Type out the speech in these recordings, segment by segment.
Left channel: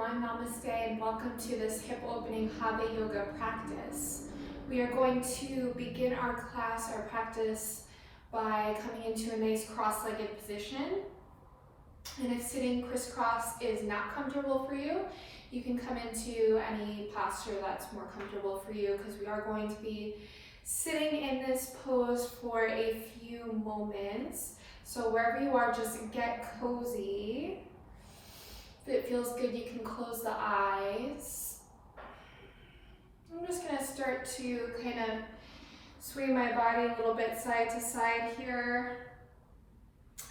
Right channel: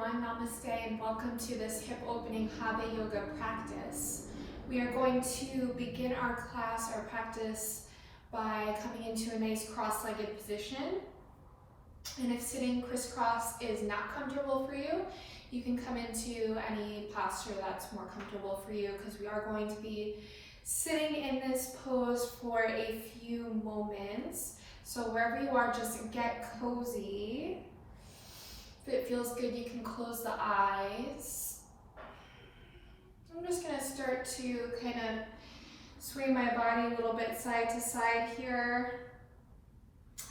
everyone, namaste and welcome to this hip opening Hatha yoga practice. We are going to begin our class, our practice, by coming into a nice cross-legged position. And if sitting crisscross is not comfortable for you, you can come into any posture that's more comfortable for you, because we are going to be sitting in this pose for a few moments. So wherever you are, just get cozy. If it feels good, you can close the eyes. I'm just going to start to kind of sway my body a little bit side to side here.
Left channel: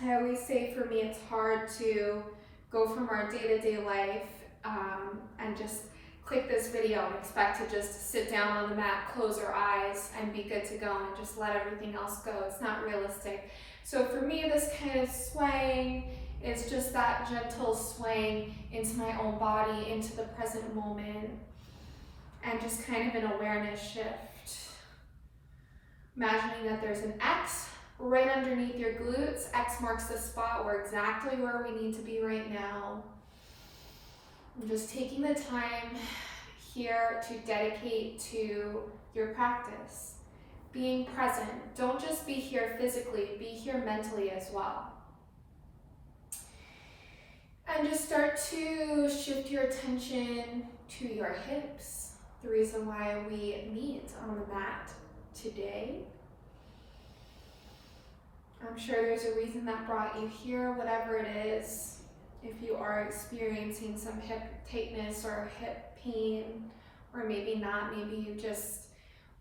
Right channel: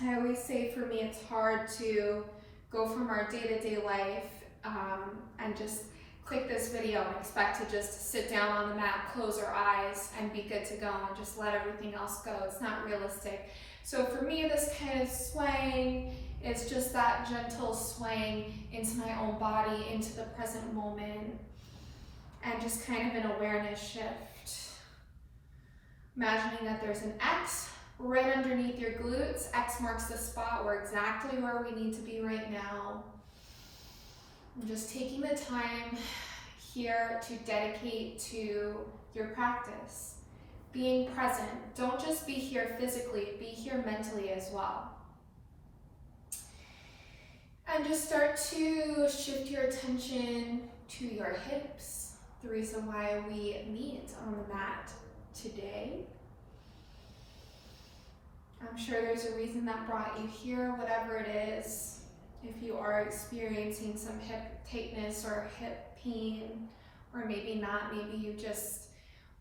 I always say for me it's hard to go from our day-to-day life and just click this video and expect to just sit down on the mat, close our eyes, and be good to go and just let everything else go. It's not realistic. So for me, this kind of swaying is just that gentle swaying into my own body, into the present moment, and just kind of an awareness shift. Imagining that there's an X right underneath your glutes. X marks the spot exactly where we need to be right now. I'm just taking the time here to dedicate to your practice. Being present. Don't just be here physically, be here mentally as well. And just start to shift your attention to your hips. The reason why we meet on the mat today. I'm sure there's a reason that brought you here, whatever it is. If you are experiencing some hip tightness or hip pain, or maybe not, maybe you just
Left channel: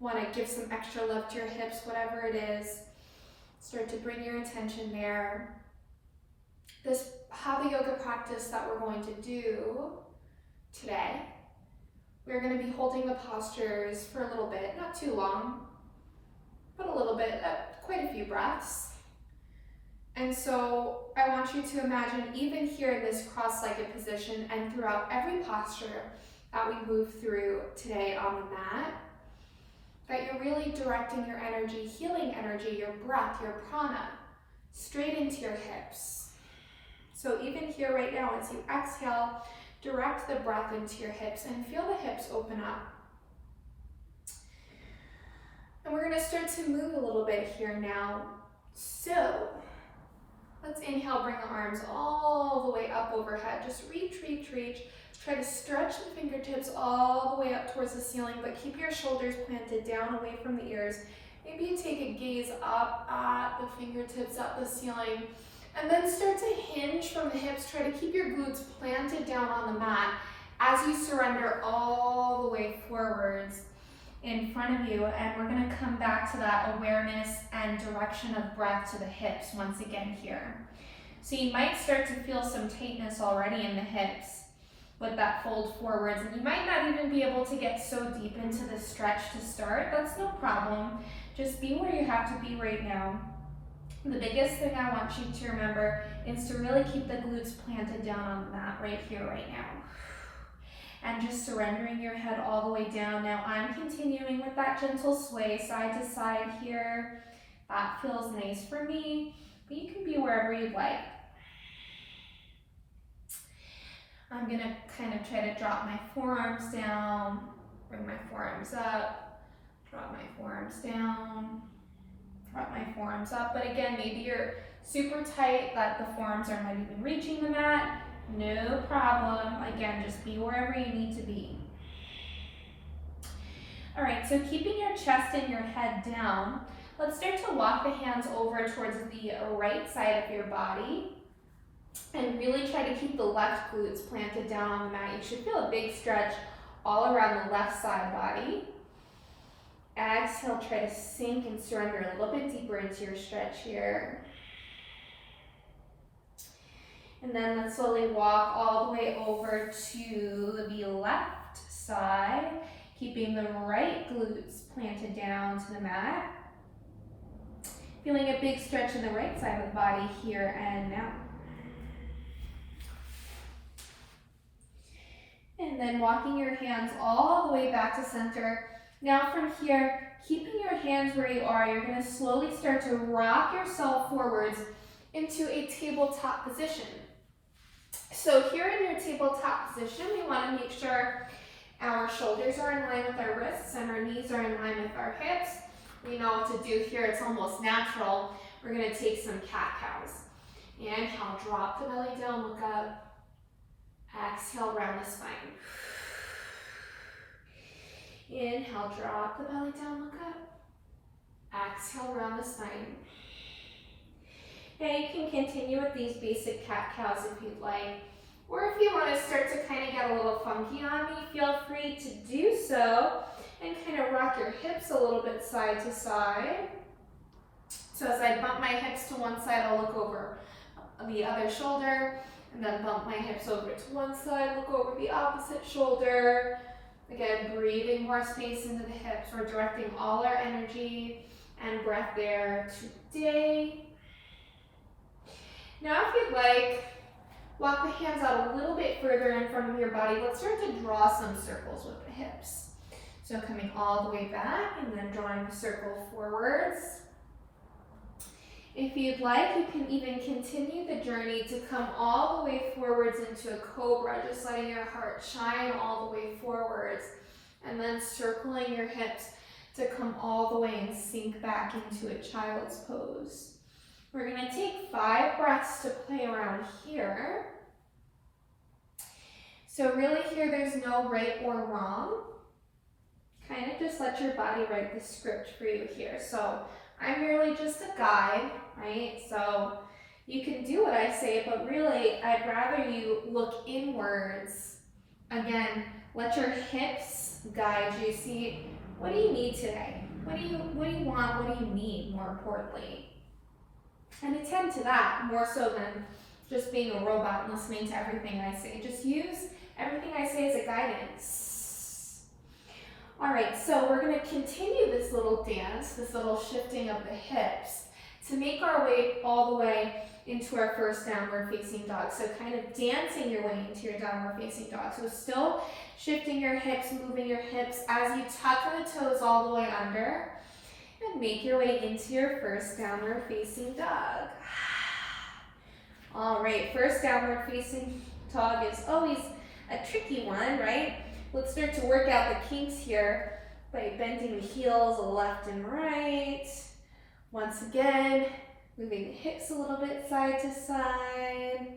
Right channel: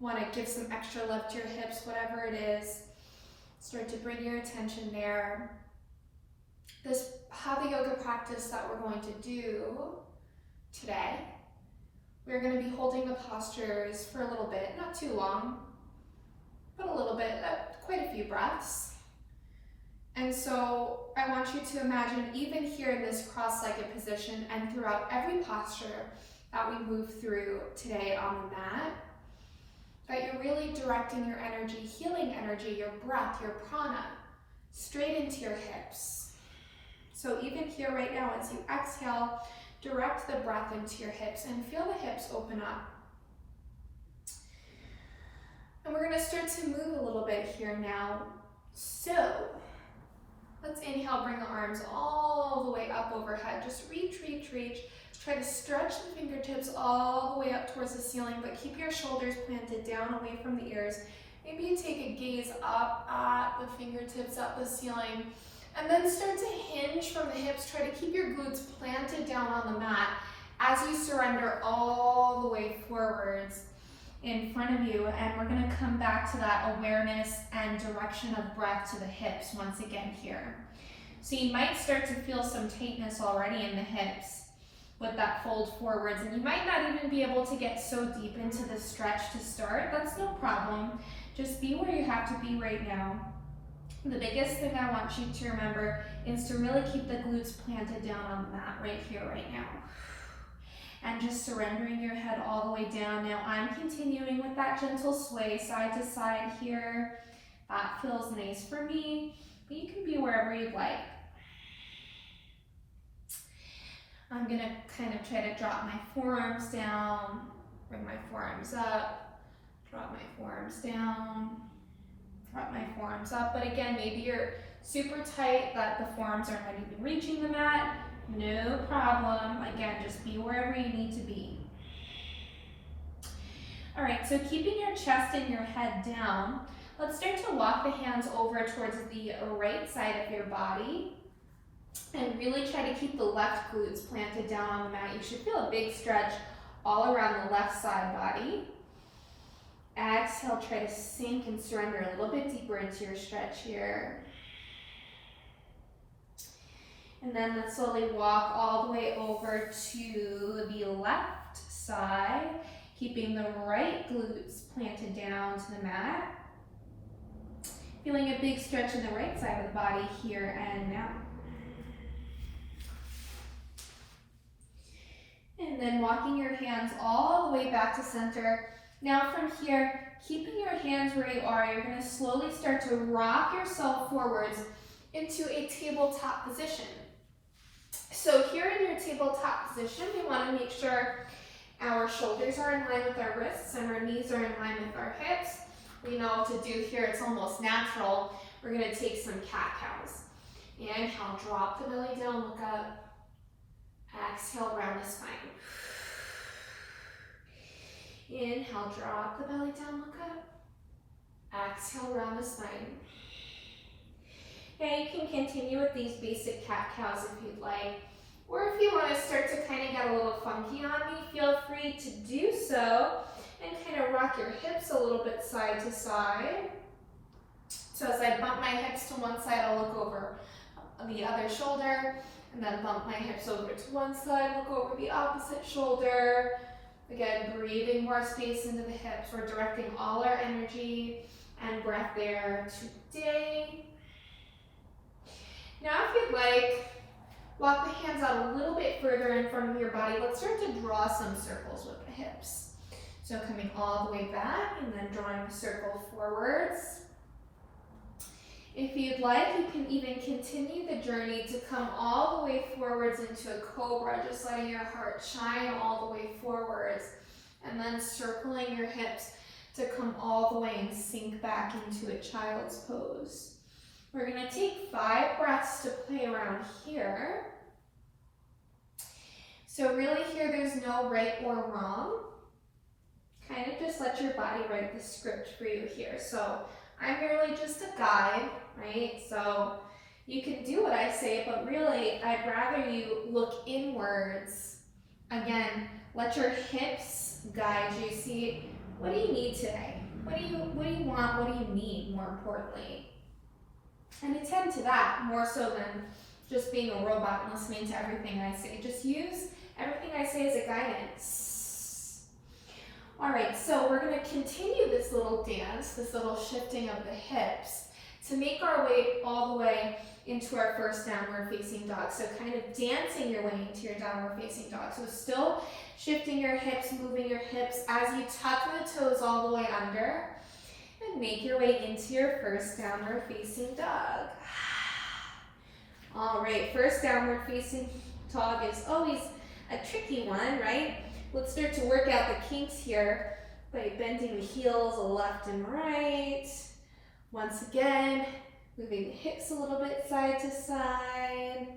want to give some extra love to your hips, whatever it is, start to bring your attention there. This Hatha yoga practice that we're going to do today, we're going to be holding the postures for a little bit, not too long, but a little bit, quite a few breaths. And so I want you to imagine, even here in this cross-legged position and throughout every posture that we move through today on the mat, that you're really directing your energy, healing energy, your breath, your prana, straight into your hips. So even here right now, as you exhale, direct the breath into your hips and feel the hips open up. And we're going to start to move a little bit here now. So let's inhale, bring the arms all the way up overhead. Just reach, reach, reach. Try to stretch the fingertips all the way up towards the ceiling, but keep your shoulders planted down away from the ears. Maybe you take a gaze up at the fingertips, at the ceiling, and then start to hinge from the hips. Try to keep your glutes planted down on the mat as you surrender all the way forwards in front of you. And we're going to come back to that awareness and direction of breath to the hips once again here. So you might start to feel some tightness already in the hips with that fold forwards, and you might not even be able to get so deep into the stretch to start. That's no problem. Just be where you have to be right now. The biggest thing I want you to remember is to really keep the glutes planted down on the mat right here, right now. And just surrendering your head all the way down. Now I'm continuing with that gentle sway side to side here. That feels nice for me, but you can be wherever you'd like. I'm going to kind of try to drop my forearms down, bring my forearms up, drop my forearms down, drop my forearms up. But again, maybe you're super tight that the forearms are not even reaching the mat. No problem. Again, just be wherever you need to be. All right, so keeping your chest and your head down, let's start to walk the hands over towards the right side of your body. And really try to keep the left glutes planted down on the mat. You should feel a big stretch all around the left side body. Exhale, try to sink and surrender a little bit deeper into your stretch here. And then let's slowly walk all the way over to the left side, keeping the right glutes planted down to the mat. Feeling a big stretch in the right side of the body here and now. And then walking your hands all the way back to center. Now from here, keeping your hands where you are, you're going to slowly start to rock yourself forwards into a tabletop position. So here in your tabletop position, we want to make sure our shoulders are in line with our wrists and our knees are in line with our hips. We know what to do here, it's almost natural. We're going to take some cat-cows. Inhale, drop the belly down, look up. Exhale, round the spine. Inhale, drop the belly down, look up. Exhale, round the spine. And you can continue with these basic cat-cows if you'd like. Or if you want to start to kind of get a little funky on me, feel free to do so. And kind of rock your hips a little bit side to side. So as I bump my hips to one side, I'll look over the other shoulder. And then bump my hips over to one side, look over the opposite shoulder. Again, breathing more space into the hips. We're directing all our energy and breath there today. Now if you'd like, walk the hands out a little bit further in front of your body. Let's start to draw some circles with the hips. So coming all the way back and then drawing a circle forwards. If you'd like, you can even continue the journey to come all the way forwards into a cobra, just letting your heart shine all the way forwards. And then circling your hips to come all the way and sink back into a child's pose. We're going to take 5 breaths to play around here. So really here, there's no right or wrong. Kind of just let your body write the script for you here. So I'm merely just a guide, right? So you can do what I say, but really I'd rather you look inwards. Again, let your hips guide you. See, what do you need today? What do you want? What do you need, more importantly? And attend to that more so than just being a robot and listening to everything I say. Just use everything I say as a guidance. All right, so we're going to continue this little dance, this little shifting of the hips to make our way all the way into our first downward facing dog. So kind of dancing your way into your downward facing dog. So still shifting your hips, moving your hips as you tuck the toes all the way under. And make your way into your first downward facing dog. All right, first downward facing dog is always a tricky one, right? Let's start to work out the kinks here by bending the heels left and right. Once again, moving the hips a little bit side to side.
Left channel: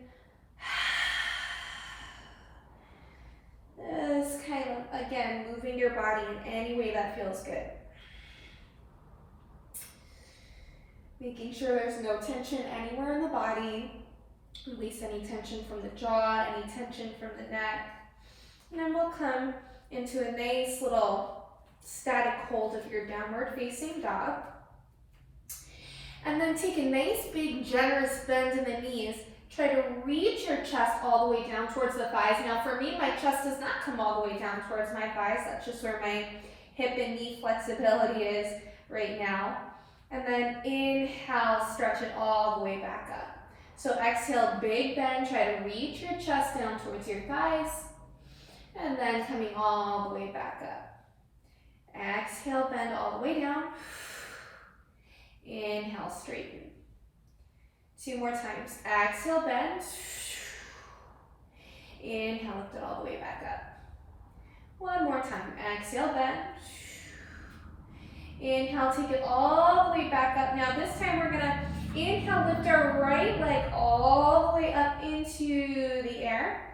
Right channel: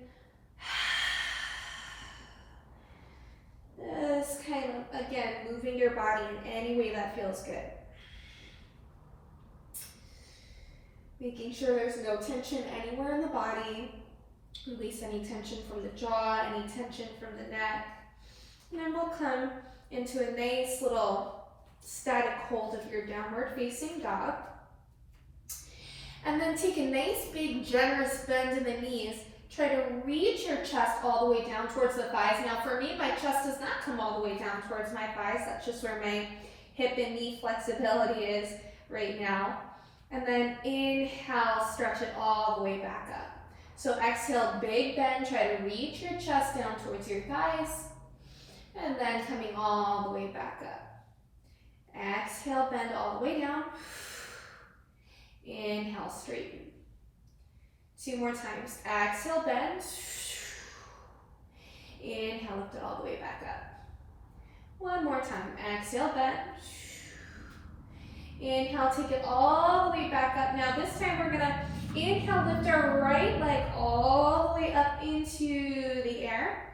Just kind of, again, moving your body in any way that feels good. Making sure there's no tension anywhere in the body. Release any tension from the jaw, any tension from the neck. And then we'll come into a nice little static hold of your downward facing dog. And then take a nice big generous bend in the knees. Try to reach your chest all the way down towards the thighs. Now for me, my chest does not come all the way down towards my thighs. That's just where my hip and knee flexibility is right now. And then inhale, stretch it all the way back up. So exhale, big bend, try to reach your chest down towards your thighs. And then coming all the way back up. Exhale, bend all the way down. Inhale, straighten. 2 more times. Exhale, bend. Inhale, lift it all the way back up. 1 more time. Exhale, bend. Inhale, take it all the way back up. Now this time we're gonna inhale, lift our right leg all the way up into the air.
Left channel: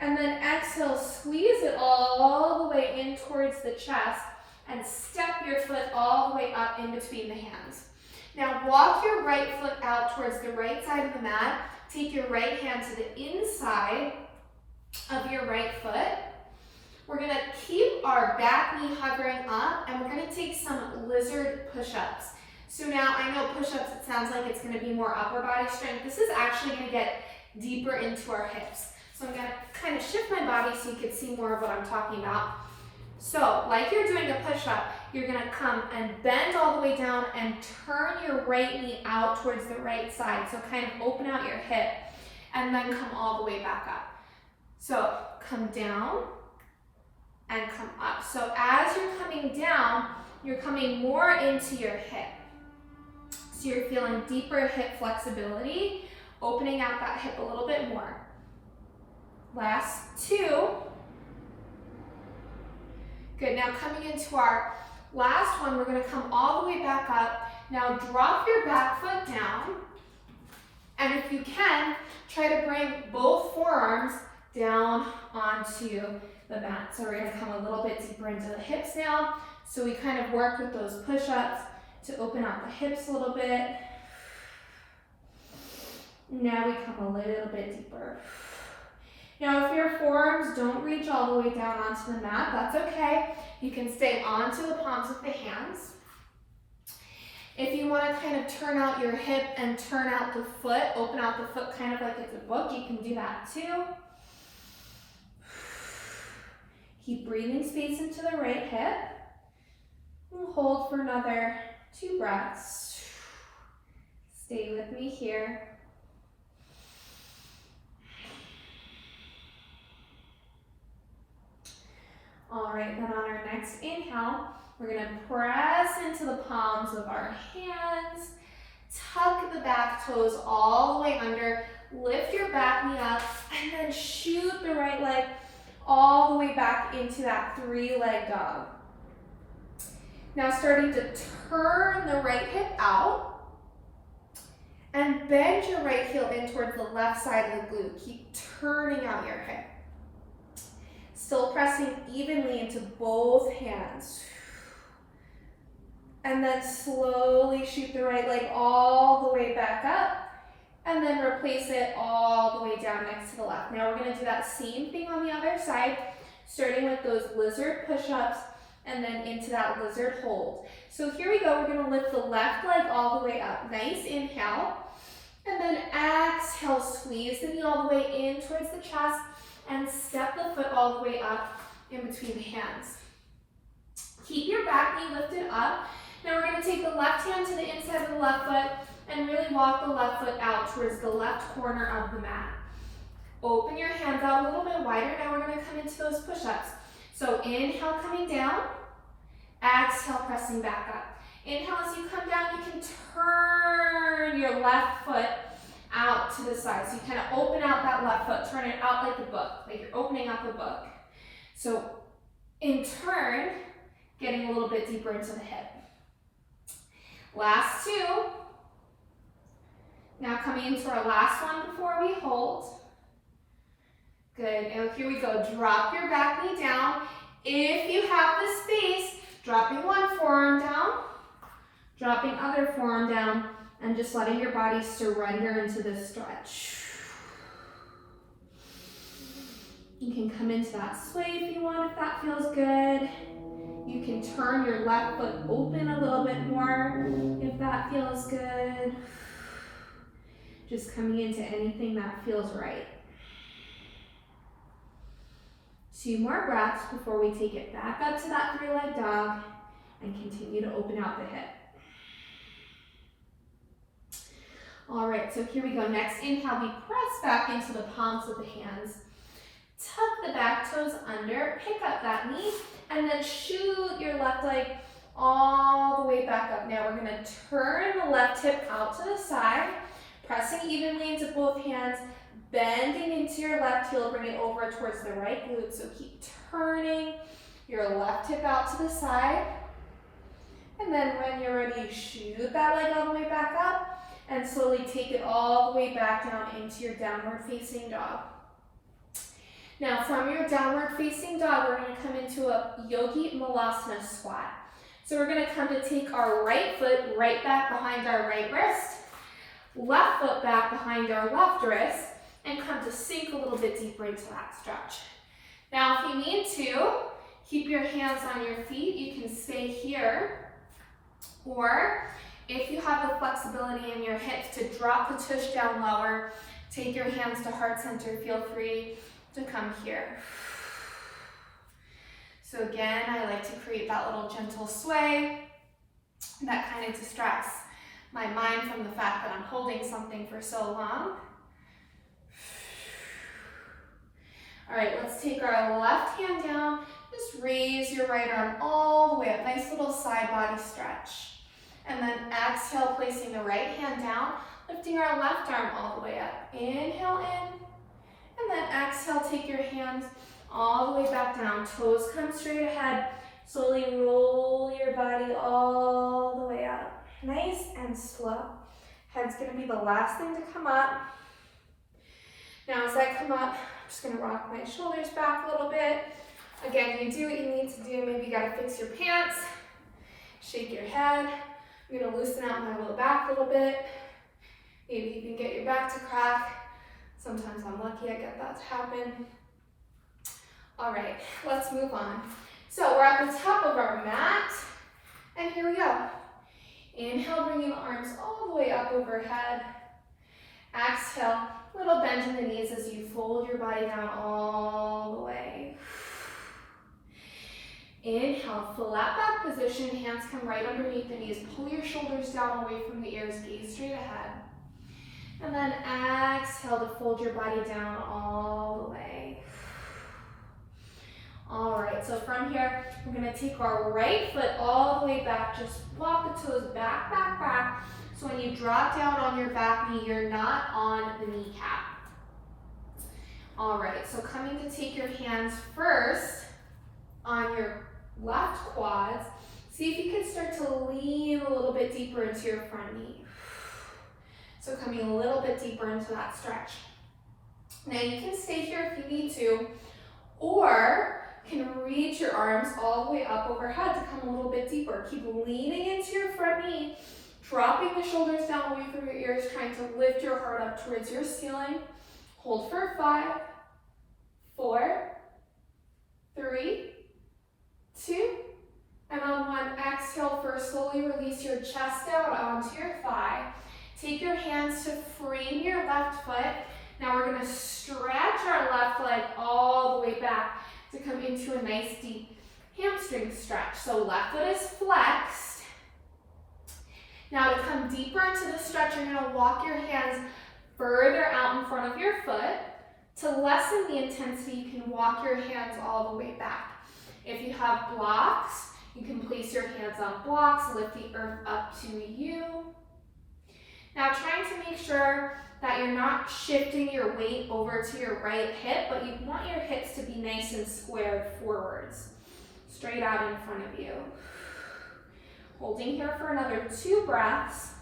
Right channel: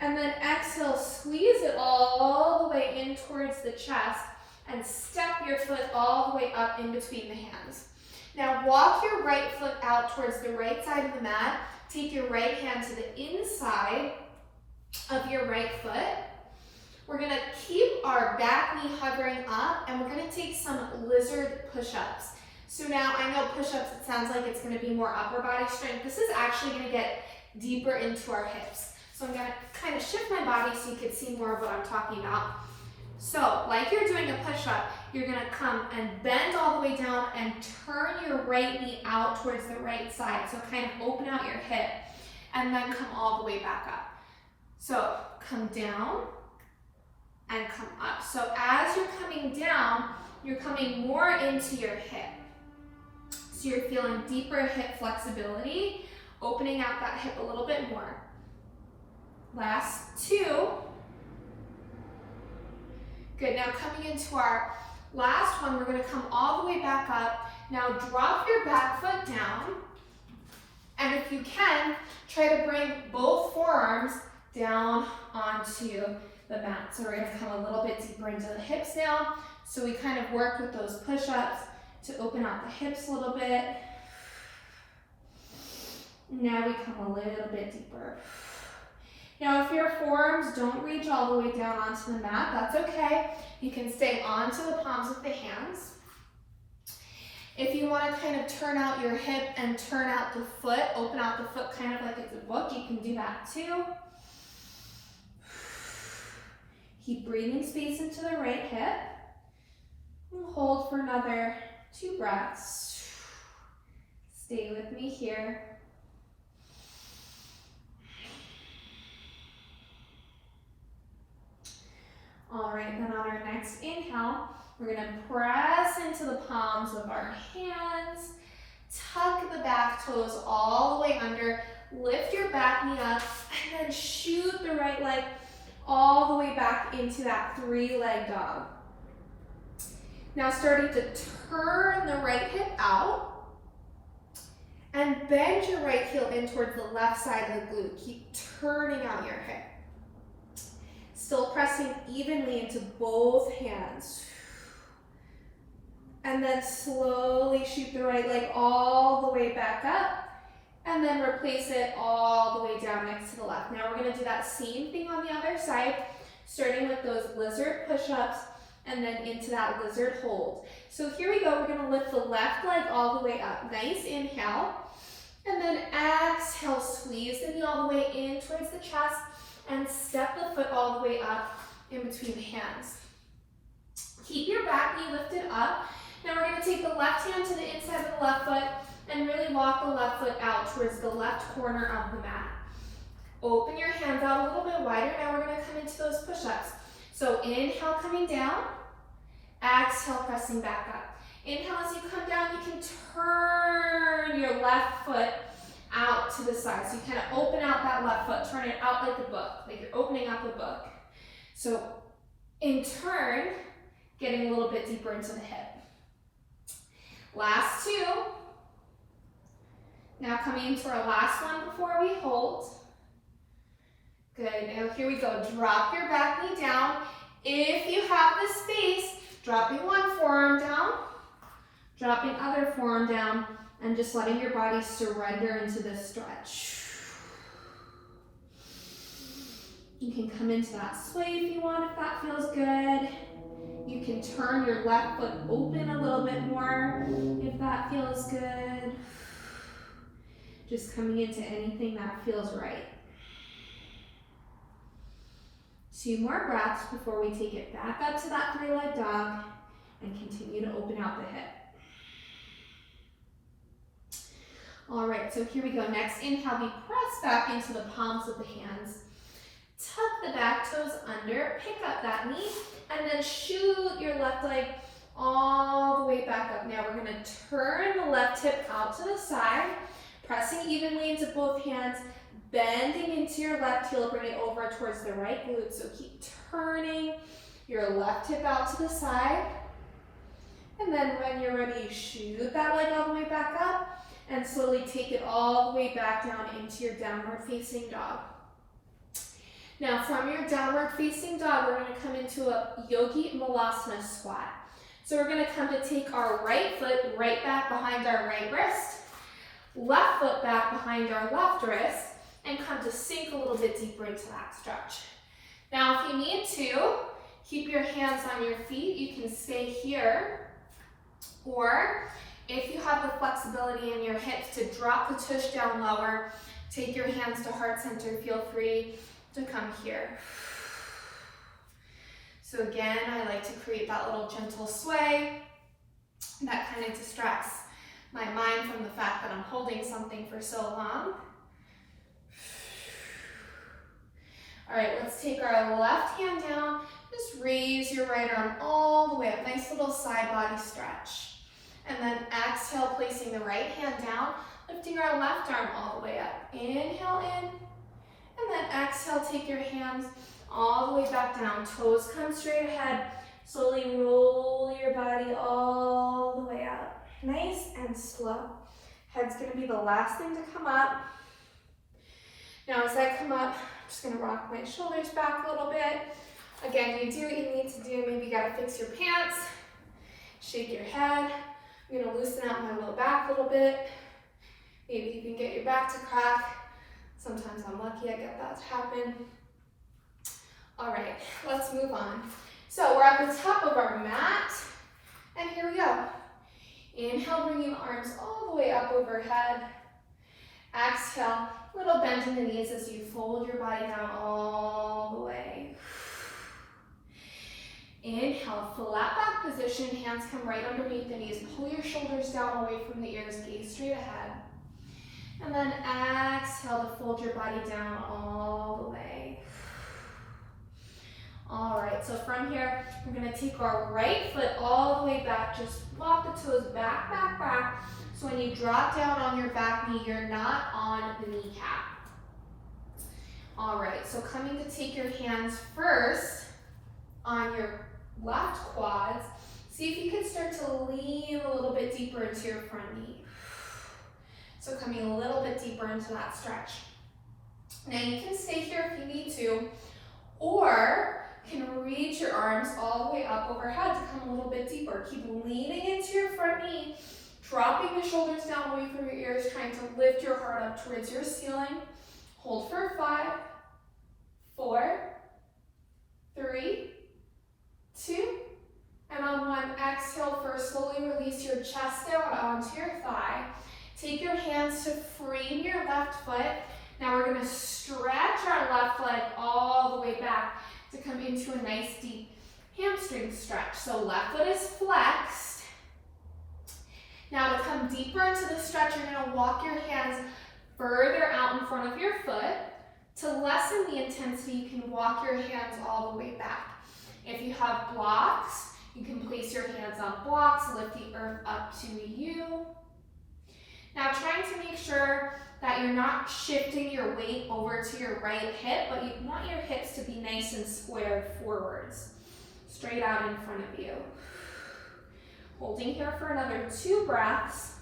And then exhale, squeeze it all the way in towards the chest and step your foot all the way up in between the hands. Now walk your right foot out towards the right side of the mat. Take your right hand to the inside of your right foot. We're gonna keep our back knee hovering up and we're gonna take some lizard push-ups. So now I know push-ups, it sounds like it's gonna be more upper body strength. This is actually gonna get deeper into our hips. So I'm gonna kind of shift my body so you can see more of what I'm talking about. So like you're doing a push-up, you're gonna come and bend all the way down and turn your right knee out towards the right side. So kind of open out your hip and then come all the way back up. So come down and come up. So as you're coming down, you're coming more into your hip. So you're feeling deeper hip flexibility, opening out that hip a little bit more. Last 2. Good, now coming into our last one, we're gonna come all the way back up. Now drop your back foot down. And if you can, try to bring both forearms down onto the mat. So we're gonna come a little bit deeper into the hips now. So we kind of work with those push-ups to open out the hips a little bit. Now we come a little bit deeper. Now if your forearms don't reach all the way down onto the mat, that's okay. You can stay onto the palms of the hands. If you want to kind of turn out your hip and turn out the foot, open out the foot kind of like it's a book, you can do that too. Keep breathing space into the right hip. And hold for another 2 breaths. Stay with me here. All right, then on our next inhale, we're gonna press into the palms of our hands, tuck the back toes all the way under, lift your back knee up, and then shoot the right leg all the way back into that 3-leg dog. Now starting to turn the right hip out, and bend your right heel in towards the left side of the glute. Keep turning out your hip. Still pressing evenly into both hands. And then slowly shoot the right leg all the way back up, and then replace it all the way down next to the left. Now we're gonna do that same thing on the other side, starting with those lizard push-ups, and then into that lizard hold. So here we go, we're gonna lift the left leg all the way up. Nice inhale, and then exhale, squeeze the knee all the way in towards the chest, and step the foot all the way up in between the hands. Keep your back knee lifted up. Now we're going to take the left hand to the inside of the left foot and really walk the left foot out towards the left corner of the mat. Open your hands out a little bit wider. Now we're going to come into those push-ups. So inhale, coming down. Exhale, pressing back up. Inhale, as you come down, you can turn your left foot out to the side. So you kind of open out that left foot, turn it out like a book, like you're opening up a book. So in turn, getting a little bit deeper into the hip. Last 2. Now coming into our last one before we hold. Good, now here we go. Drop your back knee down. If you have the space, dropping one forearm down, dropping other forearm down, and just letting your body surrender into this stretch. You can come into that sway if you want, if that feels good. You can turn your left foot open a little bit more if that feels good. Just coming into anything that feels right. 2 more breaths before we take it back up to that 3-leg dog and continue to open out the hip. All right, so here we go. Next inhale, we press back into the palms of the hands. Tuck the back toes under, pick up that knee, and then shoot your left leg all the way back up. Now we're gonna turn the left hip out to the side, pressing evenly into both hands, bending into your left heel, bring it over towards the right glute. So keep turning your left hip out to the side. And then when you're ready, shoot that leg all the way back up, and slowly take it all the way back down into your downward facing dog. Now from your downward facing dog, we're going to come into a yogi malasana squat. So we're going to come to take our right foot right back behind our right wrist, left foot back behind our left wrist, and come to sink a little bit deeper into that stretch. Now if you need to, keep your hands on your feet. You can stay here, or if you have the flexibility in your hips to drop the tush down lower, take your hands to heart center, feel free to come here. So again, I like to create that little gentle sway that kind of distracts my mind from the fact that I'm holding something for so long. All right, let's take our left hand down. Just raise your right arm all the way up. Nice little side body stretch. And then exhale, placing the right hand down, lifting our left arm all the way up. Inhale in, And then exhale, take your hands all the way back down. Toes come straight ahead. Slowly roll your body all the way up. Nice and slow. Head's gonna be the last thing to come up. Now as I come up, I'm just gonna rock my shoulders back a little bit. Again, you do what you need to do. Maybe you gotta fix your pants, shake your head. I'm gonna loosen out my low back a little bit. Maybe you can get your back to crack. Sometimes I'm lucky I get that to happen. All right, let's move on. So we're at the top of our mat, and here we go. Inhale, bringing the arms all the way up overhead. Exhale, little bend in the knees as you fold your body down all the way. Inhale, flat back position, hands come right underneath the knees. Pull your shoulders down away from the ears, gaze straight ahead. And then exhale to fold your body down all the way. All right, so from here, we're gonna take our right foot all the way back. Just walk the toes back, back, back. So when you drop down on your back knee, you're not on the kneecap. All right, so coming to take your hands first on your left quads. See if you can start to lean a little bit deeper into your front knee. So coming a little bit deeper into that stretch. Now you can stay here if you need to, or can reach your arms all the way up overhead to come a little bit deeper. Keep leaning into your front knee, dropping the shoulders down away from your ears, trying to lift your heart up towards your ceiling. Hold for 5, 4, 3, 2, and on 1, exhale first, slowly release your chest down onto your thigh. Take your hands to frame your left foot. Now we're gonna stretch our left leg all the way back to come into a nice deep hamstring stretch. So left foot is flexed. Now to come deeper into the stretch, you're gonna walk your hands further out in front of your foot. To lessen the intensity, you can walk your hands all the way back. If you have blocks, you can place your hands on blocks, lift the earth up to you. Now trying to make sure that you're not shifting your weight over to your right hip, but you want your hips to be nice and squared forwards, straight out in front of you. Holding here for another 2 breaths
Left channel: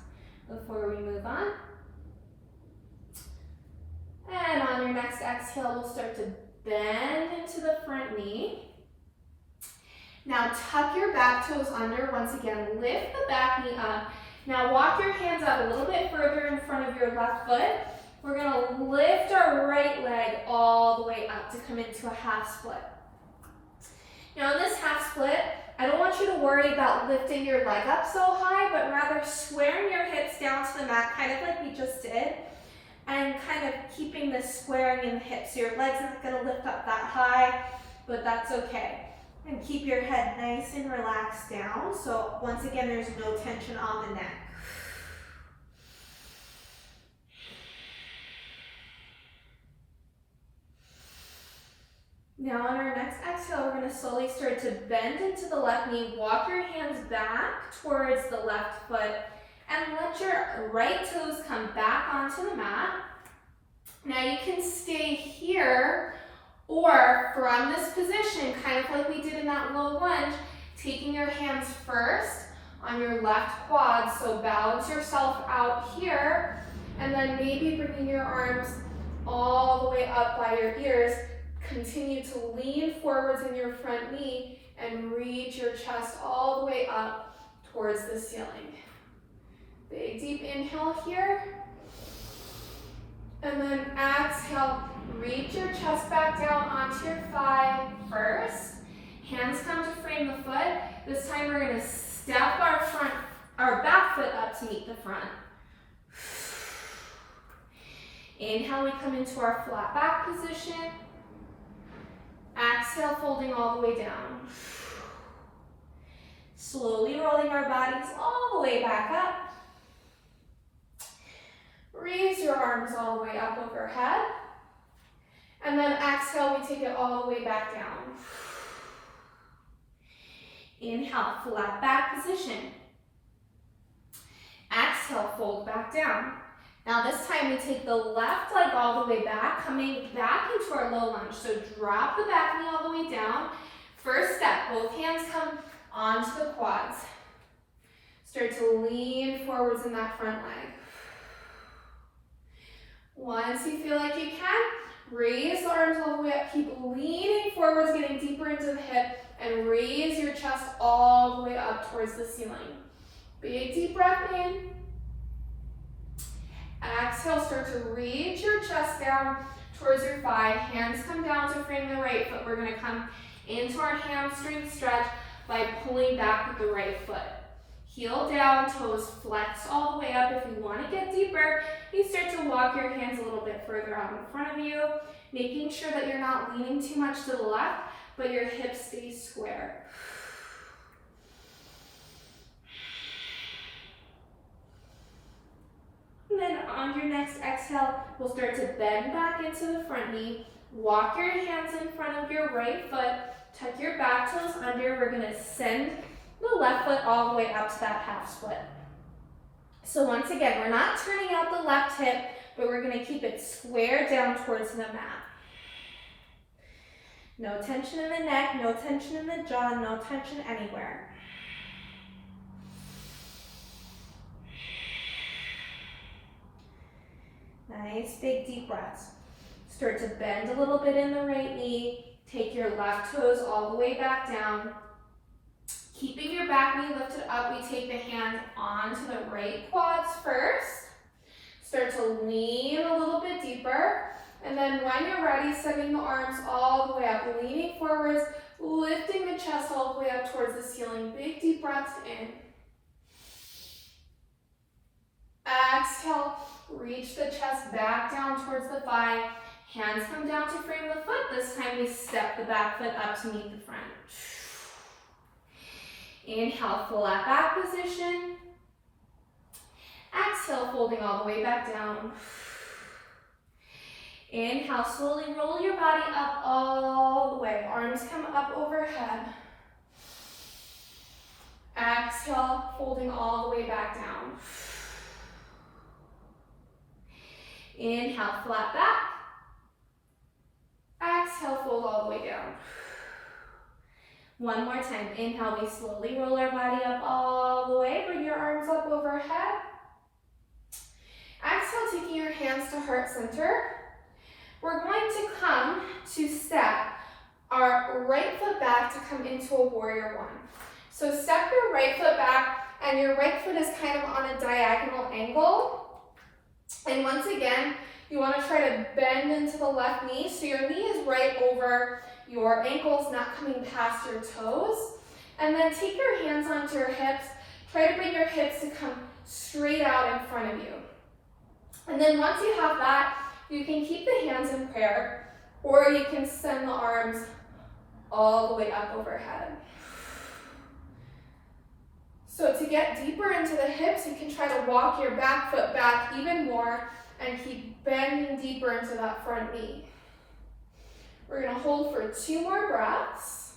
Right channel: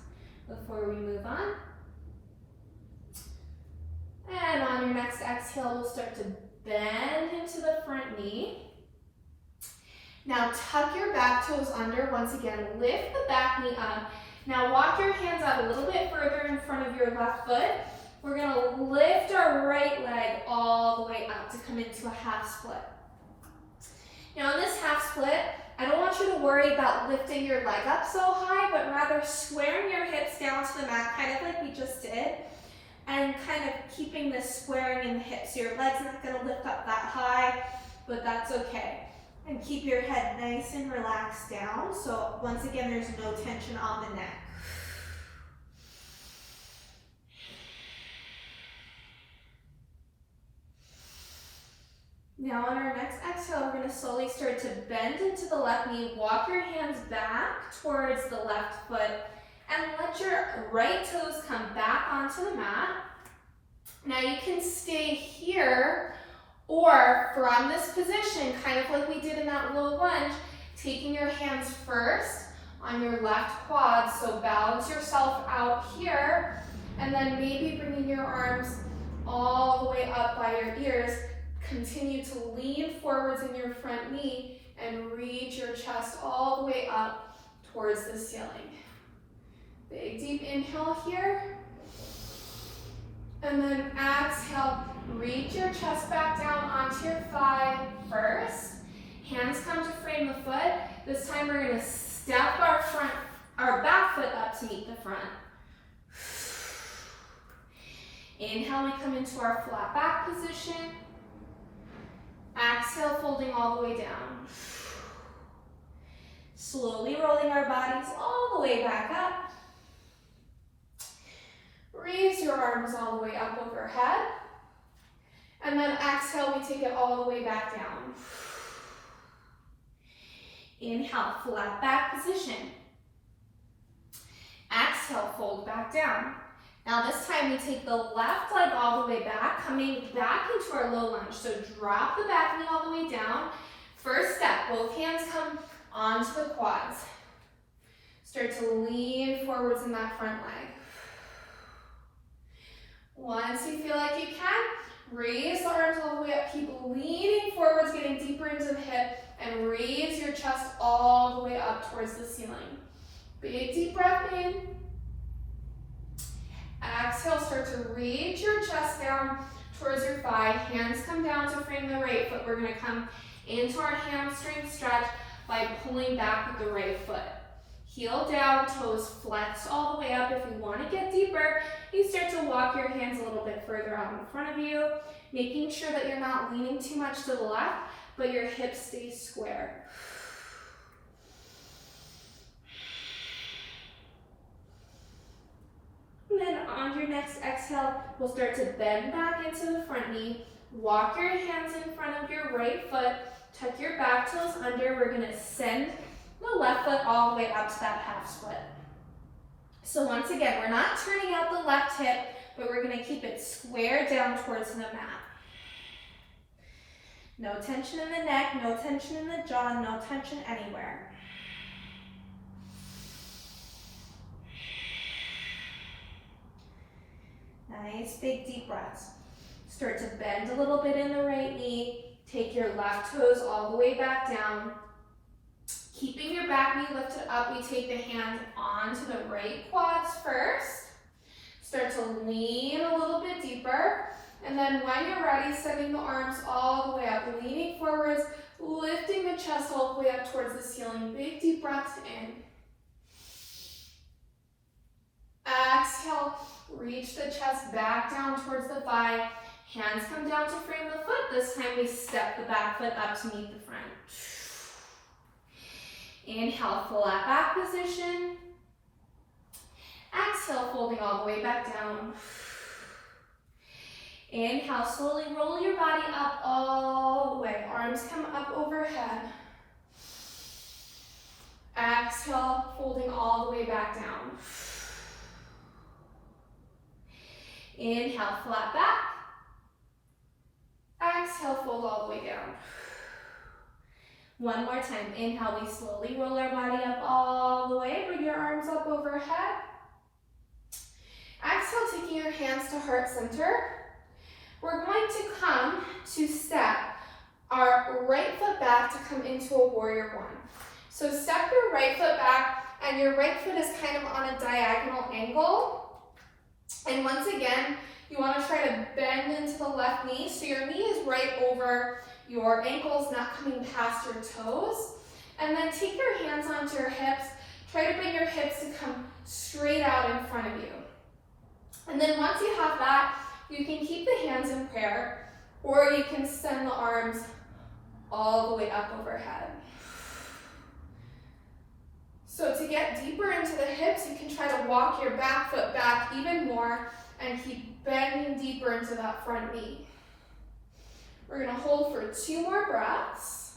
before we move on. And on your next exhale, we'll start to bend into the front knee. Now tuck your back toes under. Once again, lift the back knee up. Now walk your hands out a little bit further in front of your left foot. We're gonna lift our right leg all the way up to come into a half split. Now in this half split, I don't want you to worry about lifting your leg up so high, but rather squaring your hips down to the mat, kind of like we just did, and kind of keeping this squaring in the hips. So your leg's not gonna lift up that high, but that's okay. And keep your head nice and relaxed down. So once again, there's no tension on the neck. Now on our next exhale, we're going to slowly start to bend into the left knee. Walk your hands back towards the left foot and let your right toes come back onto the mat. Now you can stay here, or from this position, kind of like we did in that low lunge, taking your hands first on your left quad, so balance yourself out here, and then maybe bringing your arms all the way up by your ears. Continue to lean forwards in your front knee and reach your chest all the way up towards the ceiling. Big deep inhale here. And then exhale, reach your chest back down onto your thigh first. Hands come to frame the foot. This time we're going to step our back foot up to meet the front. Inhale, we come into our flat back position. Exhale, folding all the way down. Slowly rolling our bodies all the way back up. Raise your arms all the way up overhead. And then exhale, we take it all the way back down. Inhale, flat back position. Exhale, fold back down. Now this time we take the left leg all the way back, coming back into our low lunge. So drop the back knee all the way down. First step, both hands come onto the quads. Start to lean forwards in that front leg. Once you feel like you can, raise the arms all the way up. Keep leaning forwards, getting deeper into the hip, and raise your chest all the way up towards the ceiling. Big deep breath in. Exhale, start to reach your chest down towards your thigh. Hands come down to frame the right foot. We're going to come into our hamstring stretch by pulling back with the right foot. Heel down, toes flex all the way up. If you want to get deeper, you start to walk your hands a little bit further out in front of you, making sure that you're not leaning too much to the left, but your hips stay square. And then on your next exhale, we'll start to bend back into the front knee. Walk your hands in front of your right foot. Tuck your back toes under. We're going to send the left foot all the way up to that half split. So once again, we're not turning out the left hip, but we're going to keep it square down towards the mat. No tension in the neck, no tension in the jaw, no tension anywhere. Nice big deep breaths. Start to bend a little bit in the right knee. Take your left toes all the way back down. Keeping your back knee lifted up, we take the hands onto the right quads first. Start to lean a little bit deeper. And then when you're ready, sending the arms all the way up, leaning forwards, lifting the chest all the way up towards the ceiling. Big deep breaths in. Exhale, reach the chest back down towards the thigh. Hands come down to frame the foot. This time we step the back foot up to meet the front. Inhale, flat back position. Exhale, folding all the way back down. Inhale, slowly roll your body up all the way. Arms come up overhead. Exhale, folding all the way back down. Inhale, flat back. Exhale, fold all the way down. One more time. Inhale, we slowly roll our body up all the way. Bring your arms up overhead. Exhale, taking your hands to heart center. We're going to come to step our right foot back to come into a warrior one. So step your right foot back, and your right foot is kind of on a diagonal angle. And once again, you want to try to bend into the left knee. So your knee is right over your ankles, not coming past your toes. And then take your hands onto your hips. Try to bring your hips to come straight out in front of you. And then once you have that, you can keep the hands in prayer, or you can send the arms all the way up overhead. So to get deeper into the hips, you can try to walk your back foot back even more and keep bending deeper into that front knee. We're going to hold for 2 more breaths.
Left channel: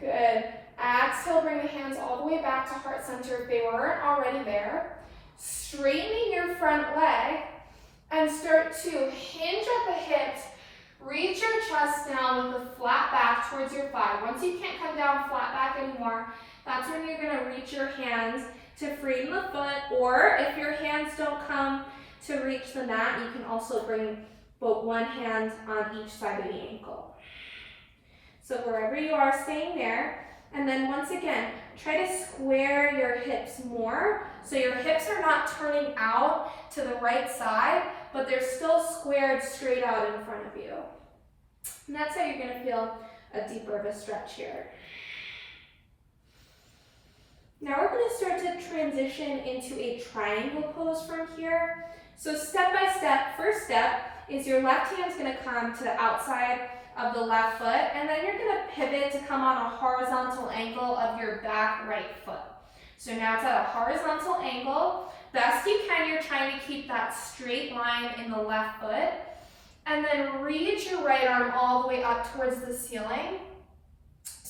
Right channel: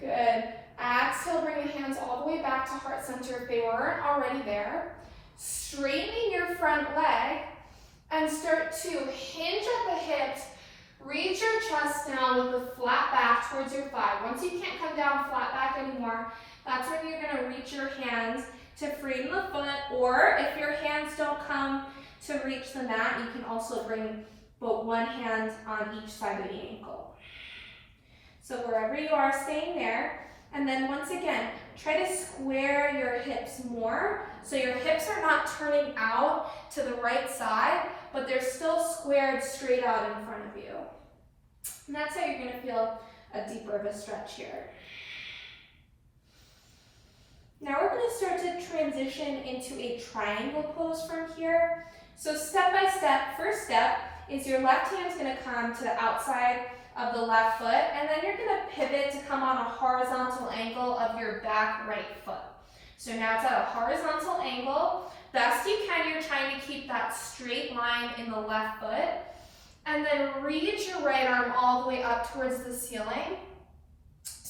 Good. Exhale, bring the hands all the way back to heart center if they weren't already there. Straightening your front leg and start to hinge at the hips. Reach your chest down with a flat back towards your thigh. Once you can't come down flat back anymore, that's when you're going to reach your hands to frame the foot, or if your hands don't come to reach the mat, you can also bring both one hand on each side of the ankle. So wherever you are, staying there. And then once again, try to square your hips more. So your hips are not turning out to the right side, but they're still squared straight out in front of you. And that's how you're going to feel a deeper of a stretch here. Now we're going to start to transition into a triangle pose from here. So step by step, first step is your left hand is going to come to the outside of the left foot, and then you're going to pivot to come on a horizontal angle of your back right foot. So now it's at a horizontal angle. Best you can, you're trying to keep that straight line in the left foot, and then reach your right arm all the way up towards the ceiling.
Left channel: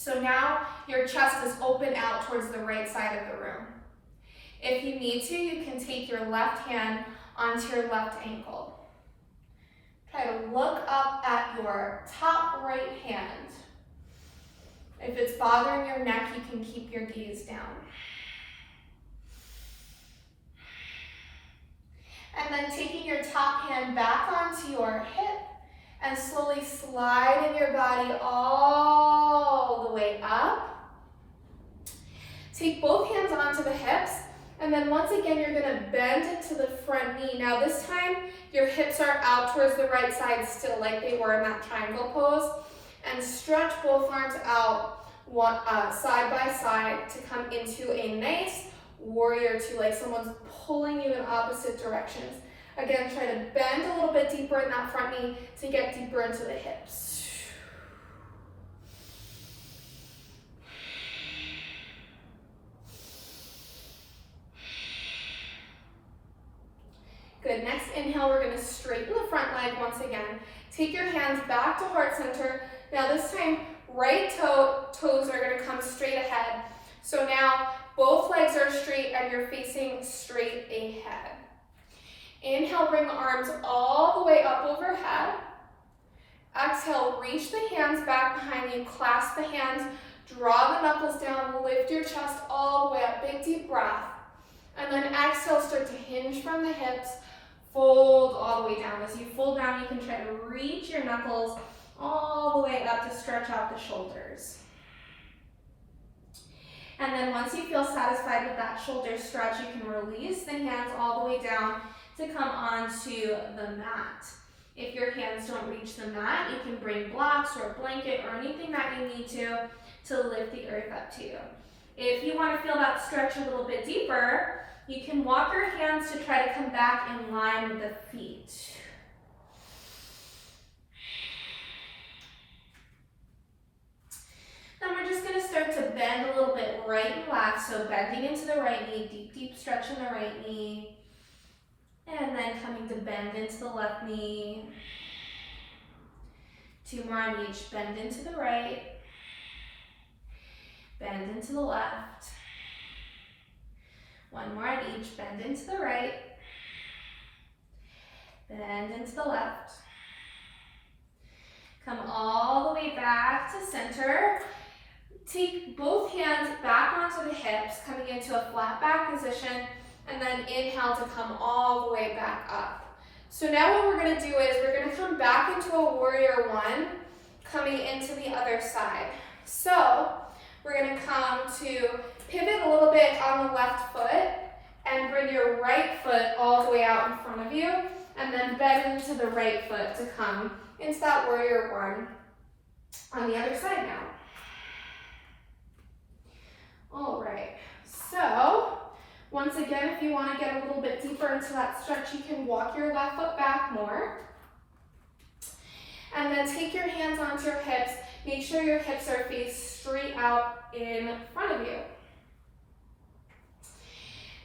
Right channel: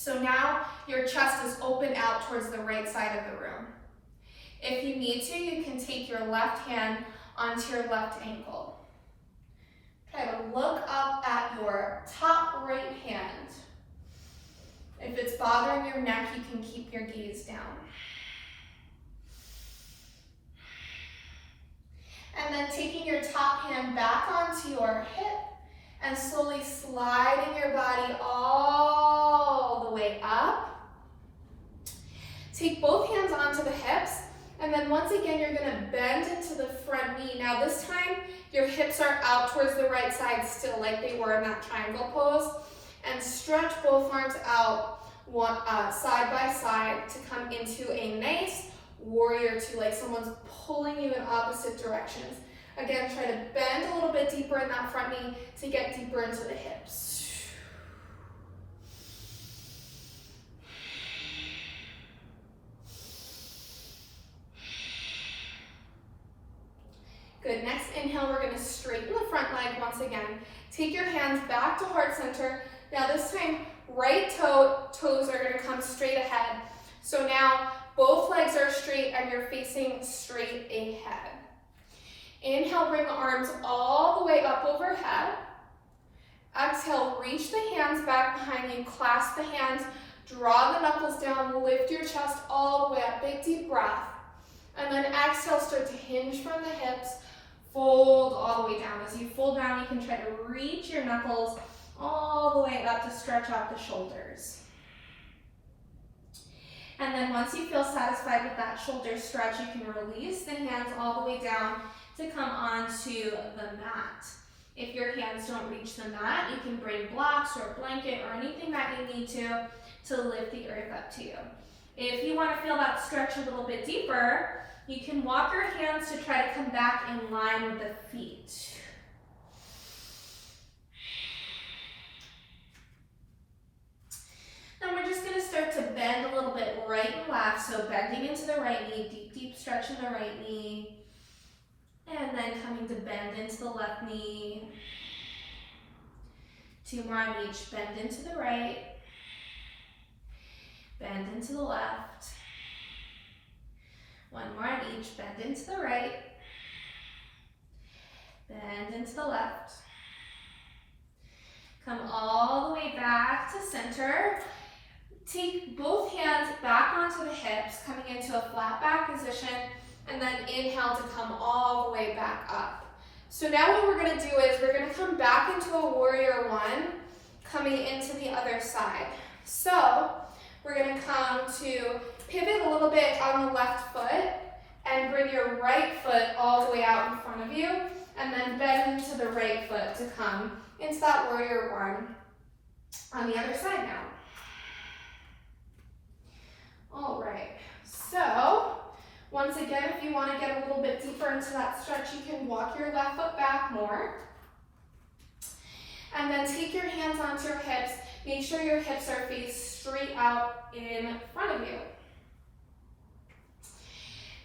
So now your chest is open out towards the right side of the room. If you need to, you can take your left hand onto your left ankle. Try to look up at your top right hand. If it's bothering your neck, you can keep your gaze down. And then taking your top hand back onto your hip and slowly sliding your body all the way up. Take both hands onto the hips, and then once again, you're gonna bend into the front knee. Now this time, your hips are out towards the right side still, like they were in that triangle pose, and stretch both arms out side by side to come into a nice warrior two, like someone's pulling you in opposite directions. Again, try to bend a little bit deeper in that front knee to get deeper into the hips. Good, next inhale, we're gonna straighten the front leg once again. Take your hands back to heart center. Now this time, right toes are gonna come straight ahead. So now, both legs are straight and you're facing straight ahead. Inhale, bring the arms all the way up overhead. Exhale, reach the hands back behind you, clasp the hands, draw the knuckles down, lift your chest all the way up, big deep breath. And then exhale, start to hinge from the hips, fold all the way down. As you fold down, you can try to reach your knuckles all the way up to stretch out the shoulders. And then once you feel satisfied with that shoulder stretch, you can release the hands all the way down to come onto the mat. If your hands don't reach the mat, you can bring blocks or a blanket or anything that you need to lift the earth up to you. If you want to feel that stretch a little bit deeper, you can walk your hands to try to come back in line with the feet. Then we're just going to start to bend a little bit right and left, so bending into the right knee, deep, deep stretch in the right knee, and then coming to bend into the left knee. Two more on each, bend into the right, bend into the left. One more on each, bend into the right, bend into the left. Come all the way back to center. Take both hands back onto the hips, coming into a flat back position, and then inhale to come all the way back up. So now what we're gonna do is we're gonna come back into a warrior one, coming into the other side. So we're gonna come to pivot a little bit on the left foot and bring your right foot all the way out in front of you, and then bend into the right foot to come into that warrior one on the other side now. All right, so once again, if you want to get a little bit deeper into that stretch, you can walk your left foot back more. And then take your hands onto your hips. Make sure your hips are faced straight out in front of you.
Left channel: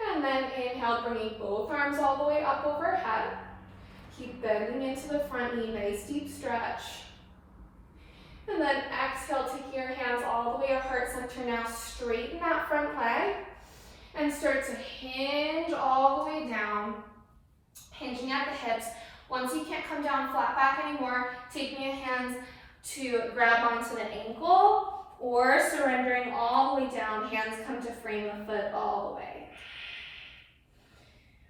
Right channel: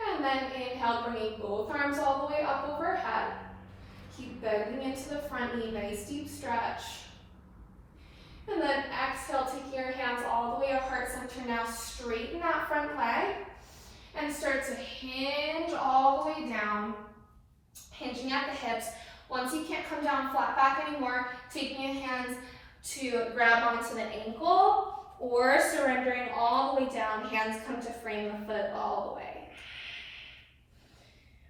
And then inhale, bringing both arms all the way up overhead. Keep bending into the front knee, nice deep stretch. And then exhale, taking your hands all the way to heart center. Now straighten that front leg and start to hinge all the way down, hinging at the hips. Once you can't come down flat back anymore, taking your hands to grab onto the ankle or surrendering all the way down, hands come to frame the foot all the way.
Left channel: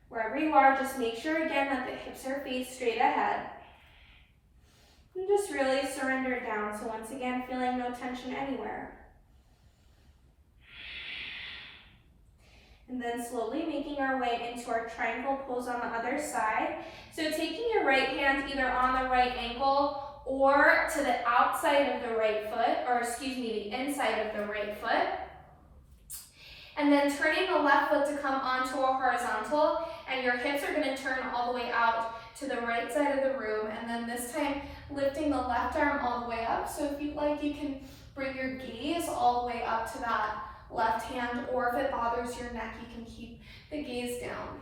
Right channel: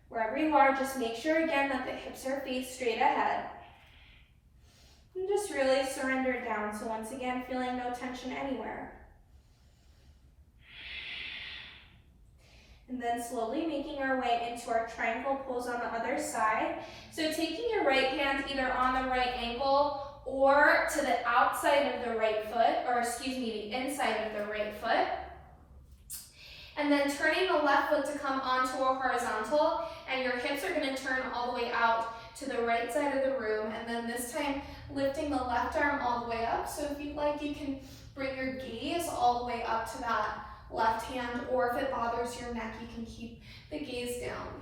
Wherever you are, just make sure again that the hips are faced straight ahead. And just really surrender down. So once again, feeling no tension anywhere. And then slowly making our way into our triangle pose on the other side. So taking your right hand either on the right ankle or to the outside of the right foot, or excuse me, the inside of the right foot. And then turning the left foot to come onto a horizontal, and your hips are going to turn all the way out to the right side of the room. And then this time, lifting the left arm all the way up. So if you'd like, you can bring your gaze all the way up to that left hand, or if it bothers your neck, you can keep the gaze down.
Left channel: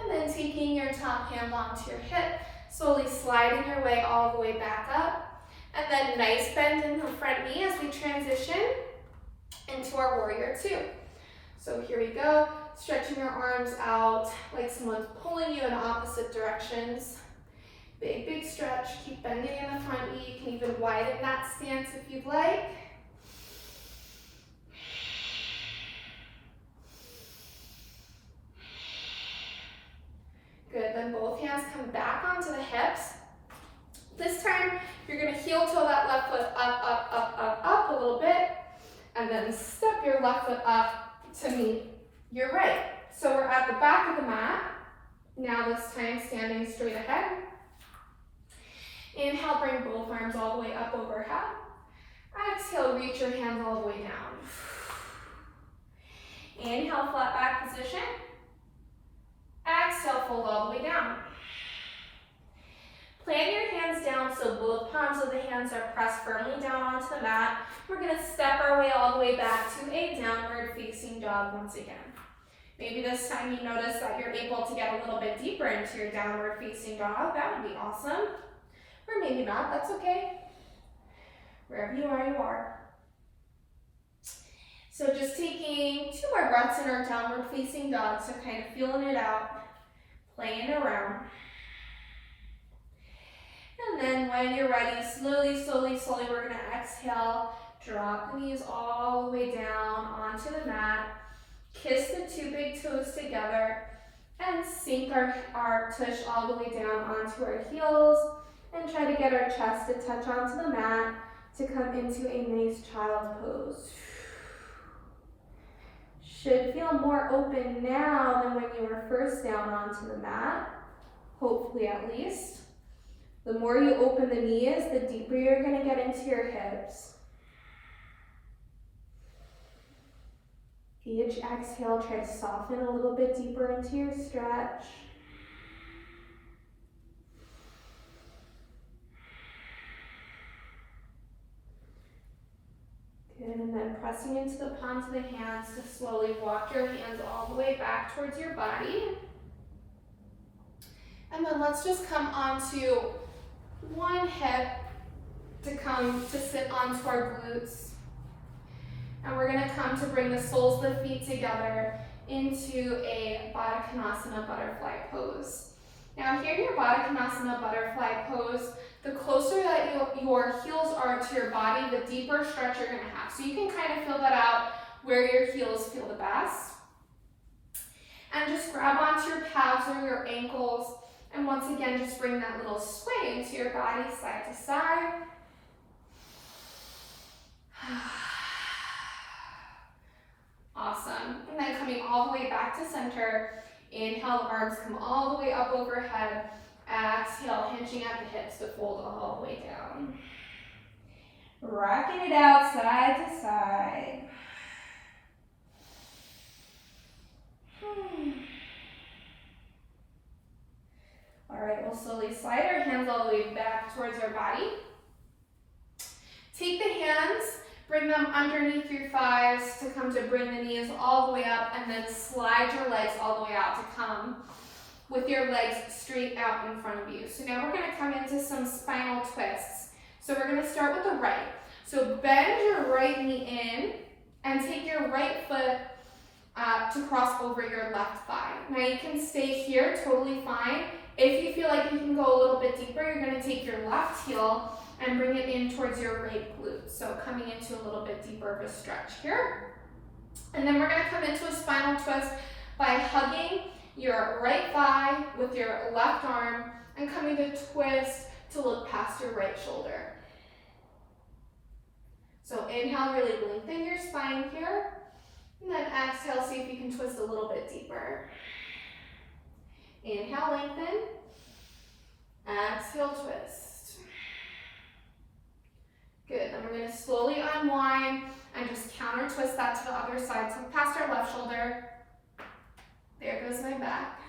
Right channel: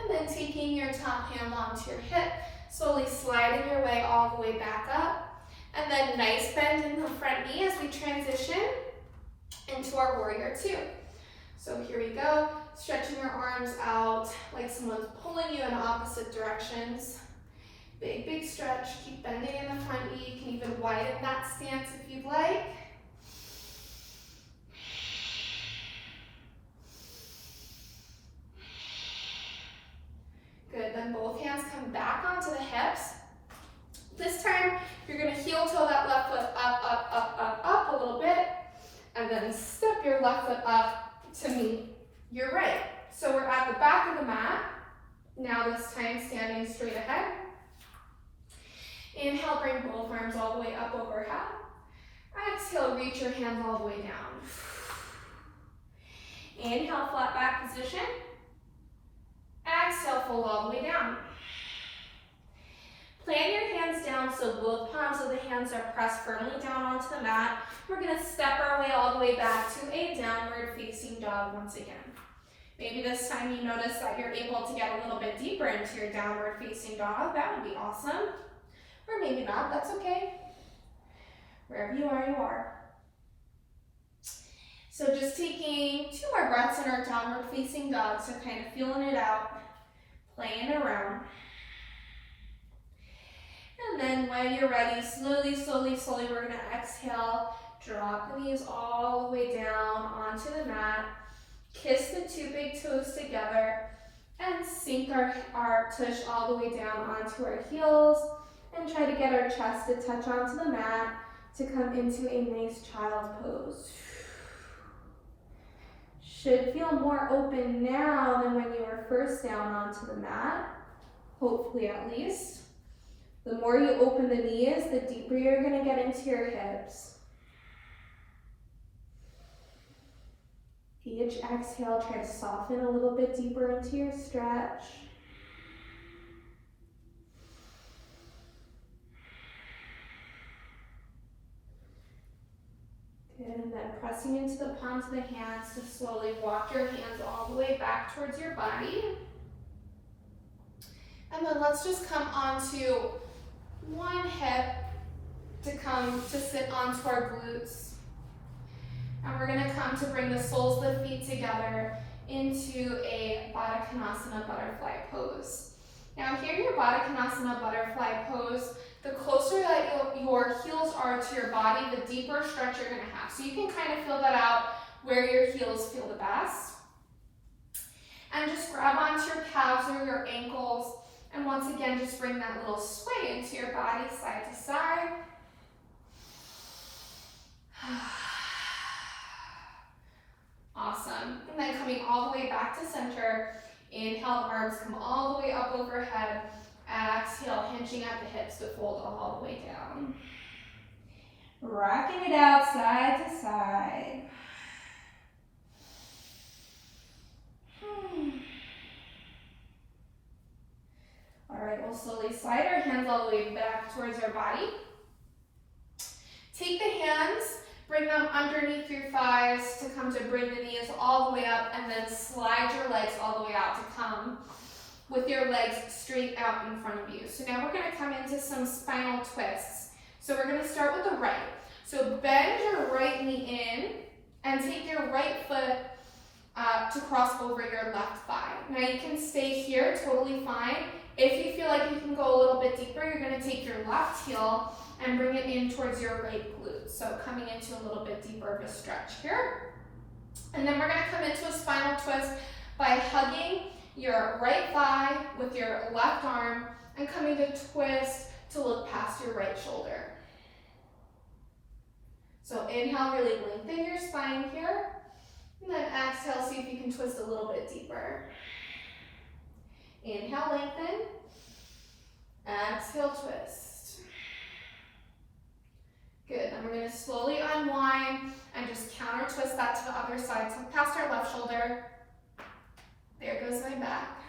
And then taking your top hand onto your hip, slowly sliding your way all the way back up. And then nice bend in the front knee as we transition into our warrior two. So here we go, stretching your arms out like someone's pulling you in opposite directions. Big, big stretch, keep bending in the front knee. You can even widen that stance if you'd like. Good, then both hands come back onto the hips. This time, you're gonna heel toe that left foot up, up, up, up, up a little bit, and then step your left foot up to meet your right. So we're at the back of the mat. Now this time, standing straight ahead. Inhale, bring both arms all the way up overhead. Exhale, reach your hands all the way down. Inhale, flat back position. Exhale, fold all the way down. Plant your hands down so both palms of the hands are pressed firmly down onto the mat. We're going to step our way all the way back to a downward facing dog once again. Maybe this time you notice that you're able to get a little bit deeper into your downward facing dog. That would be awesome. Or maybe not, that's okay. Wherever you are, you are. So just taking 2 more breaths in our downward facing dog, so kind of feeling it out, playing around. And then when you're ready, slowly, slowly, slowly, we're gonna exhale, drop the knees all the way down onto the mat, kiss the 2 big toes together, and sink our tush all the way down onto our heels, and try to get our chest to touch onto the mat to come into a nice child's pose. Should feel more open now than when you were first down onto the mat, hopefully at least. The more you open the knees, the deeper you're going to get into your hips. Each exhale, try to soften a little bit deeper into your stretch. Good, and then pressing into the palms of the hands to slowly walk your hands all the way back towards your body. And then let's just come onto one hip to come to sit onto our glutes. And we're going to come to bring the soles of the feet together into a Baddha Konasana butterfly pose. Now here in your Baddha Konasana butterfly pose, the closer that your heels are to your body, the deeper stretch you're going to have. So you can kind of feel that out where your heels feel the best. And just grab onto your calves or your ankles. And once again, just bring that little sway into your body, side to side. Awesome. And then coming all the way back to center. Inhale, the arms come all the way up overhead. Exhale, hinging at the hips to fold all the way down. Rocking it out side to side. All right, we'll slowly slide our hands all the way back towards our body. Take the hands, bring them underneath your thighs to come to bring the knees all the way up, and then slide your legs all the way out to come with your legs straight out in front of you. So now we're gonna come into some spinal twists. So we're gonna start with the right. So bend your right knee in and take your right foot to cross over your left thigh. Now you can stay here, totally fine. If you feel like you can go a little bit deeper, you're gonna take your left heel and bring it in towards your right glute. So coming into a little bit deeper of a stretch here. And then we're gonna come into a spinal twist by hugging your right thigh with your left arm and coming to twist to look past your right shoulder. So inhale, really lengthen your spine here. And then exhale, see if you can twist a little bit deeper. Inhale, lengthen. Exhale, twist. Good, then we're gonna slowly unwind and just counter twist that to the other side. So past our left shoulder. There goes my back.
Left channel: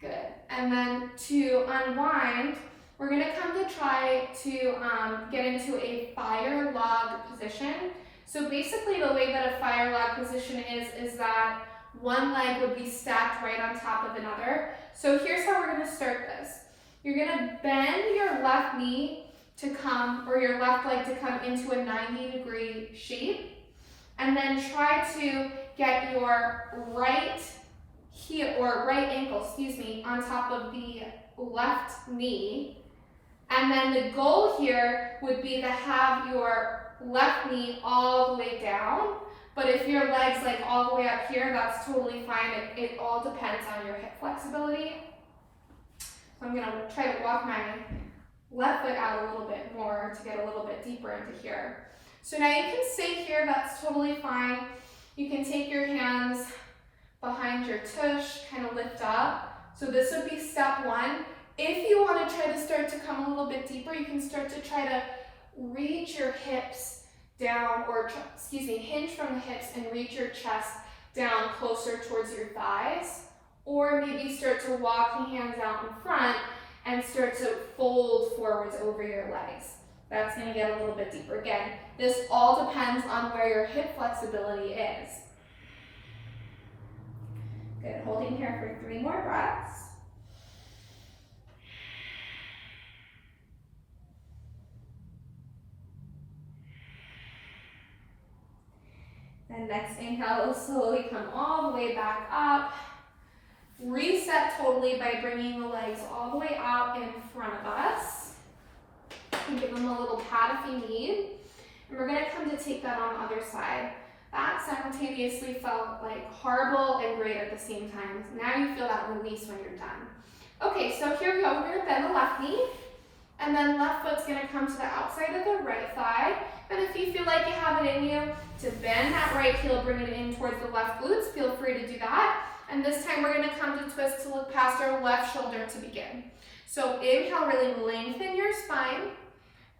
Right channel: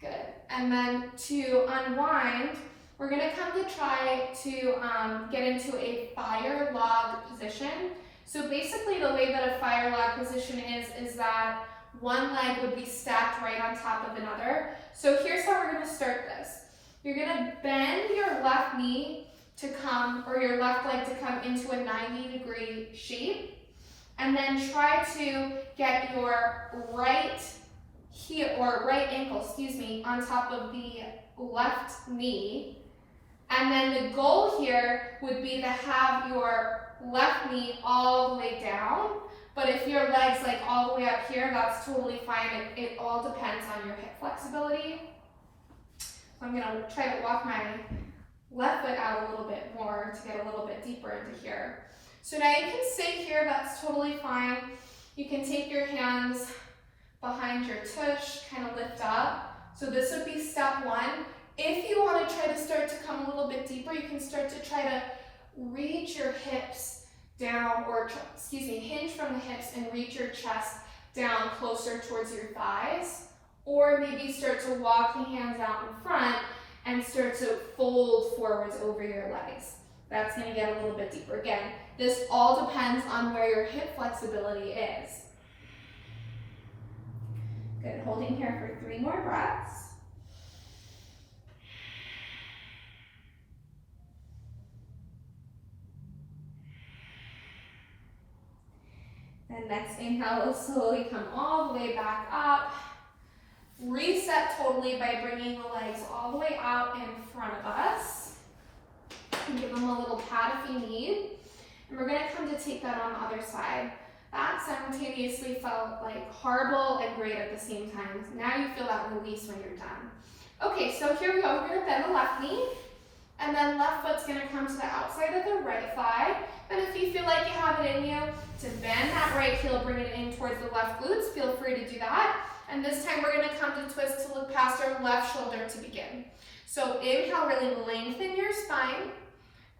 Good, and then to unwind, we're gonna come to try to get into a fire log position. So basically the way that a fire log position is that one leg would be stacked right on top of another. So here's how we're gonna start this. You're gonna bend your left knee to come, or your left leg to come into a 90-degree shape, and then try to get your right heel, or right ankle, excuse me, on top of the left knee. And then the goal here would be to have your left knee all the way down. But if your leg's like all the way up here, that's totally fine. It all depends on your hip flexibility. So I'm gonna try to walk my left foot out a little bit more to get a little bit deeper into here. So now you can stay here, that's totally fine. You can take your hands behind your tush, kind of lift up. So this would be step one. If you want to try to start to come a little bit deeper, you can start to try to reach your hips down, or hinge from the hips and reach your chest down closer towards your thighs. Or maybe start to walk the hands out in front and start to fold forwards over your legs. That's going to get a little bit deeper. Again, this all depends on where your hip flexibility is. Good, holding here for 3 more breaths. Then next inhale, slowly come all the way back up. Reset totally by bringing the legs all the way out in front of us. And give them a little pat if you need. And we're going to come to take that on the other side. That simultaneously felt like horrible and great at the same time. Now you feel that release when you're done. Okay, so here we go. We're going to bend the left knee. And then left foot's going to come to the outside of the right thigh. And if you feel like you have it in you to bend that right heel, bring it in towards the left glutes, feel free to do that. And this time we're going to come to twist to look past our left shoulder to begin. So inhale, really lengthen your spine.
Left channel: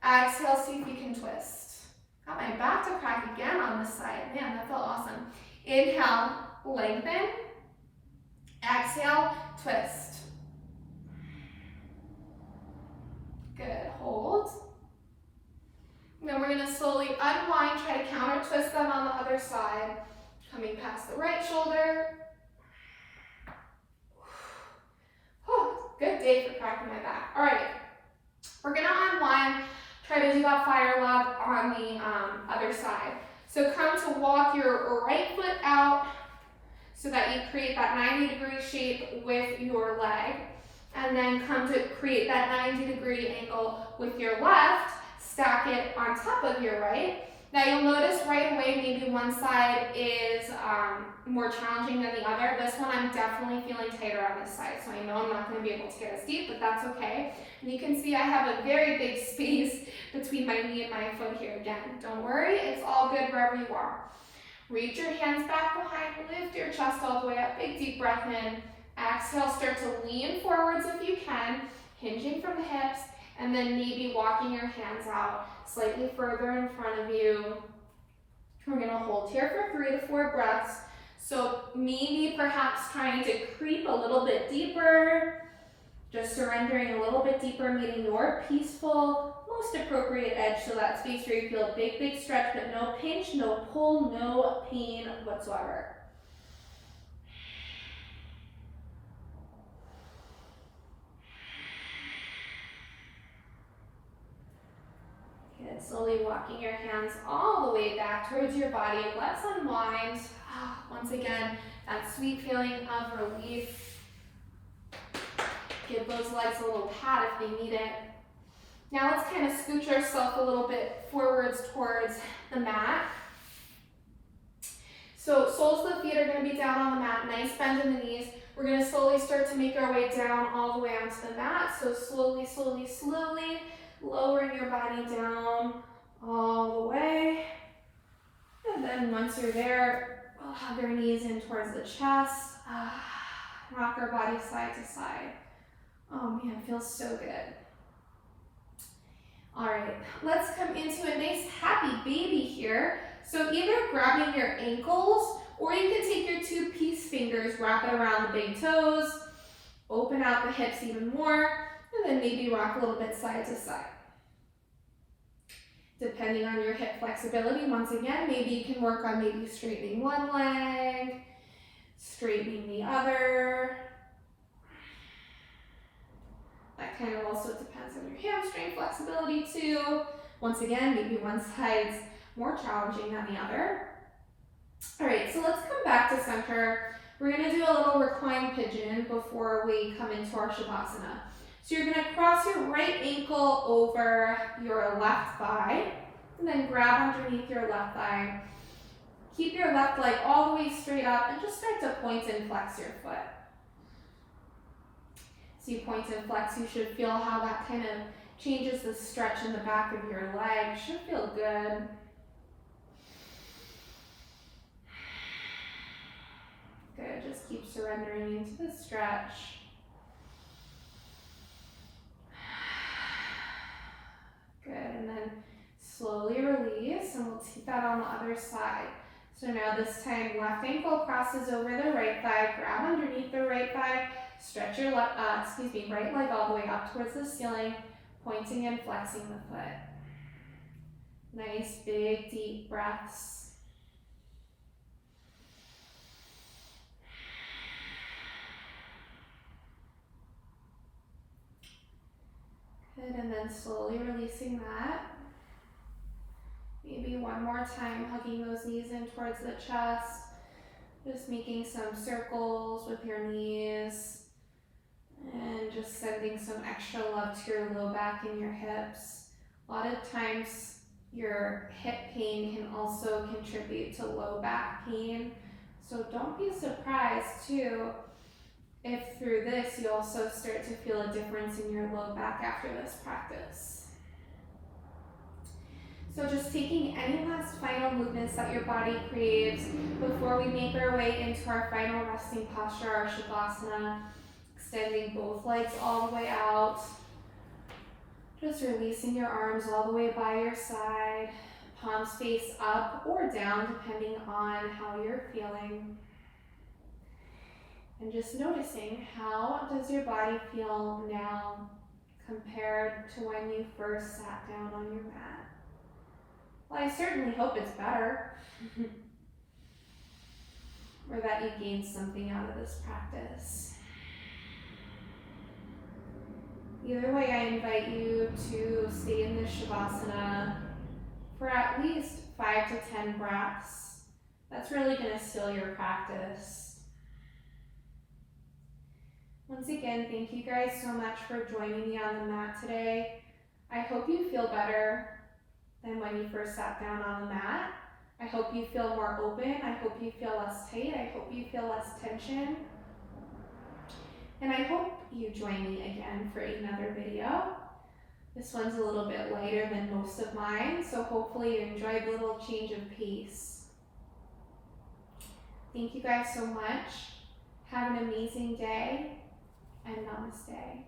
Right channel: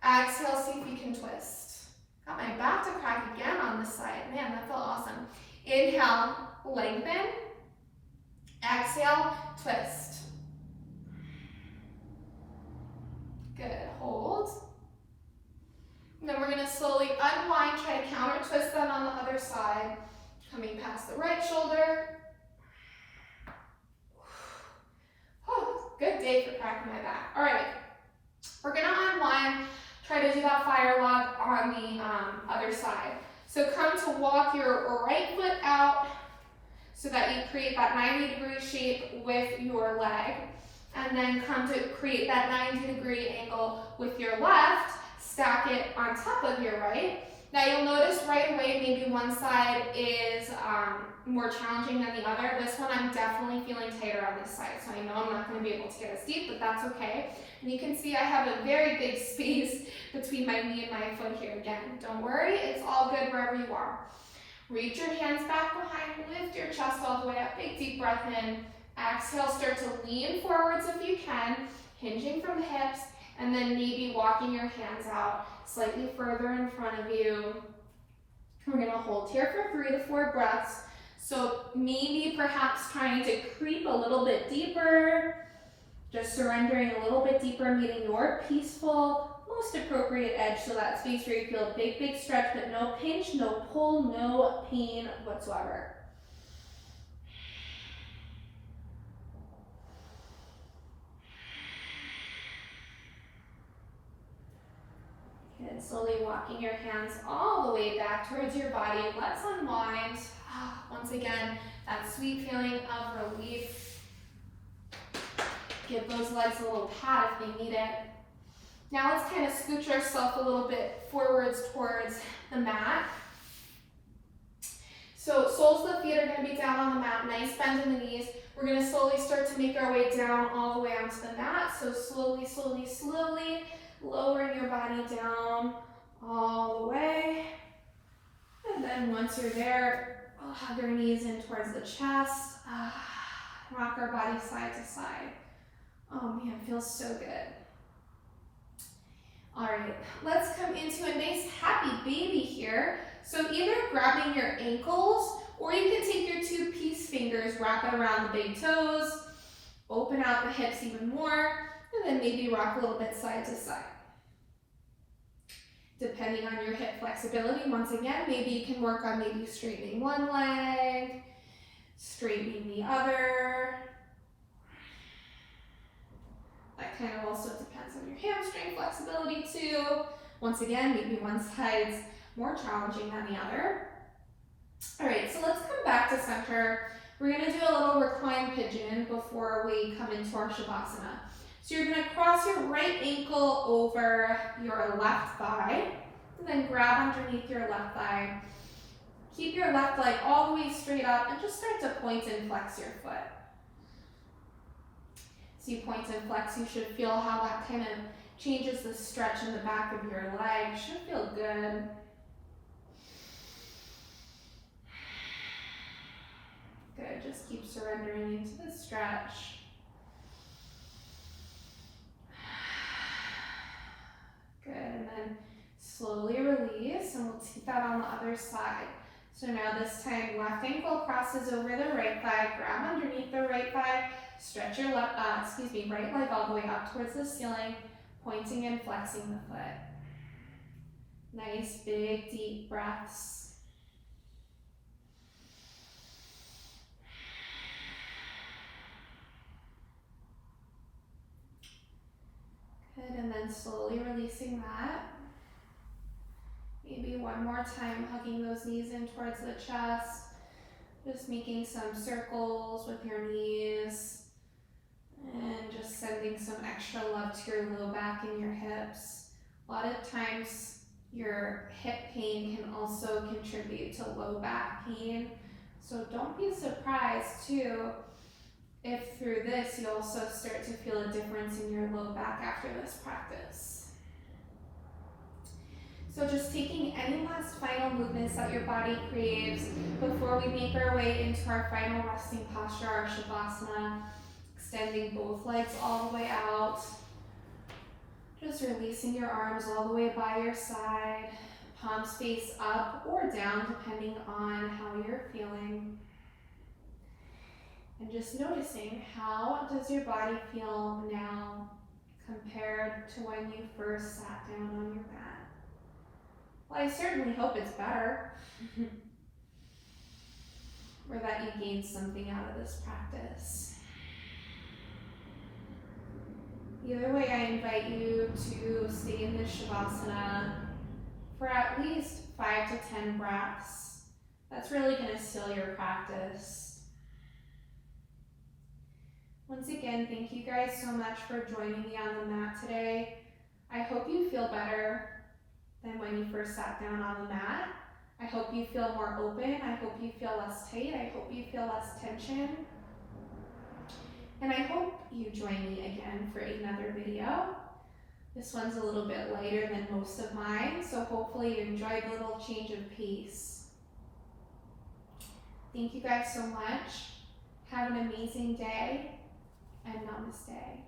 Exhale, see if you can twist. Got my back to crack again on this side. Man, that felt awesome. Inhale, lengthen. Exhale, twist. Good, hold. And then we're going to slowly unwind, try to counter twist that on the other side. Coming past the right shoulder. Good day for cracking my back. All right, we're going to unwind, try to do that fire log on the other side. So come to walk your right foot out so that you create that 90-degree shape with your leg. And then come to create that 90-degree angle with your left, stack it on top of your right. Now you'll notice right away maybe one side is more challenging than the other. This one I'm definitely feeling tighter on this side, so I know I'm not going to be able to get as deep, but that's okay. And you can see I have a very big space between my knee and my foot here again. Don't worry, it's all good wherever you are. Reach your hands back behind, lift your chest all the way up, big deep breath in. Exhale, start to lean forwards if you can, hinging from the hips, and then maybe walking your hands out slightly further in front of you. We're going to hold here for 3 to 4 breaths. So maybe perhaps trying to creep a little bit deeper, just surrendering a little bit deeper, meeting your peaceful, most appropriate edge, so that space where you feel a big, big stretch, but no pinch, no pull, no pain whatsoever. And slowly walking your hands all the way back towards your body. Let's unwind. Once again, that sweet feeling of relief. Give those legs a little pat if they need it. Now let's kind of scooch ourselves a little bit forwards towards the mat. So soles of the feet are going to be down on the mat. Nice bend in the knees. We're going to slowly start to make our way down all the way onto the mat. So slowly, slowly, slowly. Lowering your body down all the way. And then once you're there, we'll hug our knees in towards the chest. Rock our body side to side. Oh man, it feels so good. All right, let's come into a nice happy baby here. So either grabbing your ankles, or you can take your 2 peace fingers, wrap it around the big toes, open out the hips even more, and then maybe rock a little bit side to side. Depending on your hip flexibility, once again, maybe you can work on maybe straightening one leg, straightening the other. That that kind of also depends on your hamstring flexibility too. Once again, maybe one side's more challenging than the other. All right, so let's come back to center. We're gonna do a little reclined pigeon before we come into our Shavasana. So you're gonna cross your right ankle over your left thigh, and then grab underneath your left thigh. Keep your left leg all the way straight up and just start to point and flex your foot. So you point and flex, you should feel how that kind of changes the stretch in the back of your leg. Should feel good. Good, just keep surrendering into the stretch. Good, and then slowly release, and we'll take that on the other side. So now this time, left ankle crosses over the right thigh, grab underneath the right thigh, stretch your right leg all the way up towards the ceiling, pointing and flexing the foot. Nice, big, deep breaths. Good, and then slowly releasing that. Maybe one more time, hugging those knees in towards the chest. Just making some circles with your knees. And just sending some extra love to your low back and your hips. A lot of times, your hip pain can also contribute to low back pain. So don't be surprised too if through this you also start to feel a difference in your low back after this practice. So just taking any last final movements that your body craves before we make our way into our final resting posture, our Shavasana, extending both legs all the way out. Just releasing your arms all the way by your side, palms face up or down depending on how you're feeling. And just noticing, how does your body feel now compared to when you first sat down on your mat? Well, I certainly hope it's better. Or that you gained something out of this practice. Either way, I invite you to stay in this Shavasana for at least 5 to 10 breaths. That's really going to seal your practice. Once again, thank you guys so much for joining me on the mat today. I hope you feel better than when you first sat down on the mat. I hope you feel more open. I hope you feel less tight. I hope you feel less tension. And I hope you join me again for another video. This one's a little bit lighter than most of mine, so hopefully you enjoyed the little change of pace. Thank you guys so much. Have an amazing day, and namaste.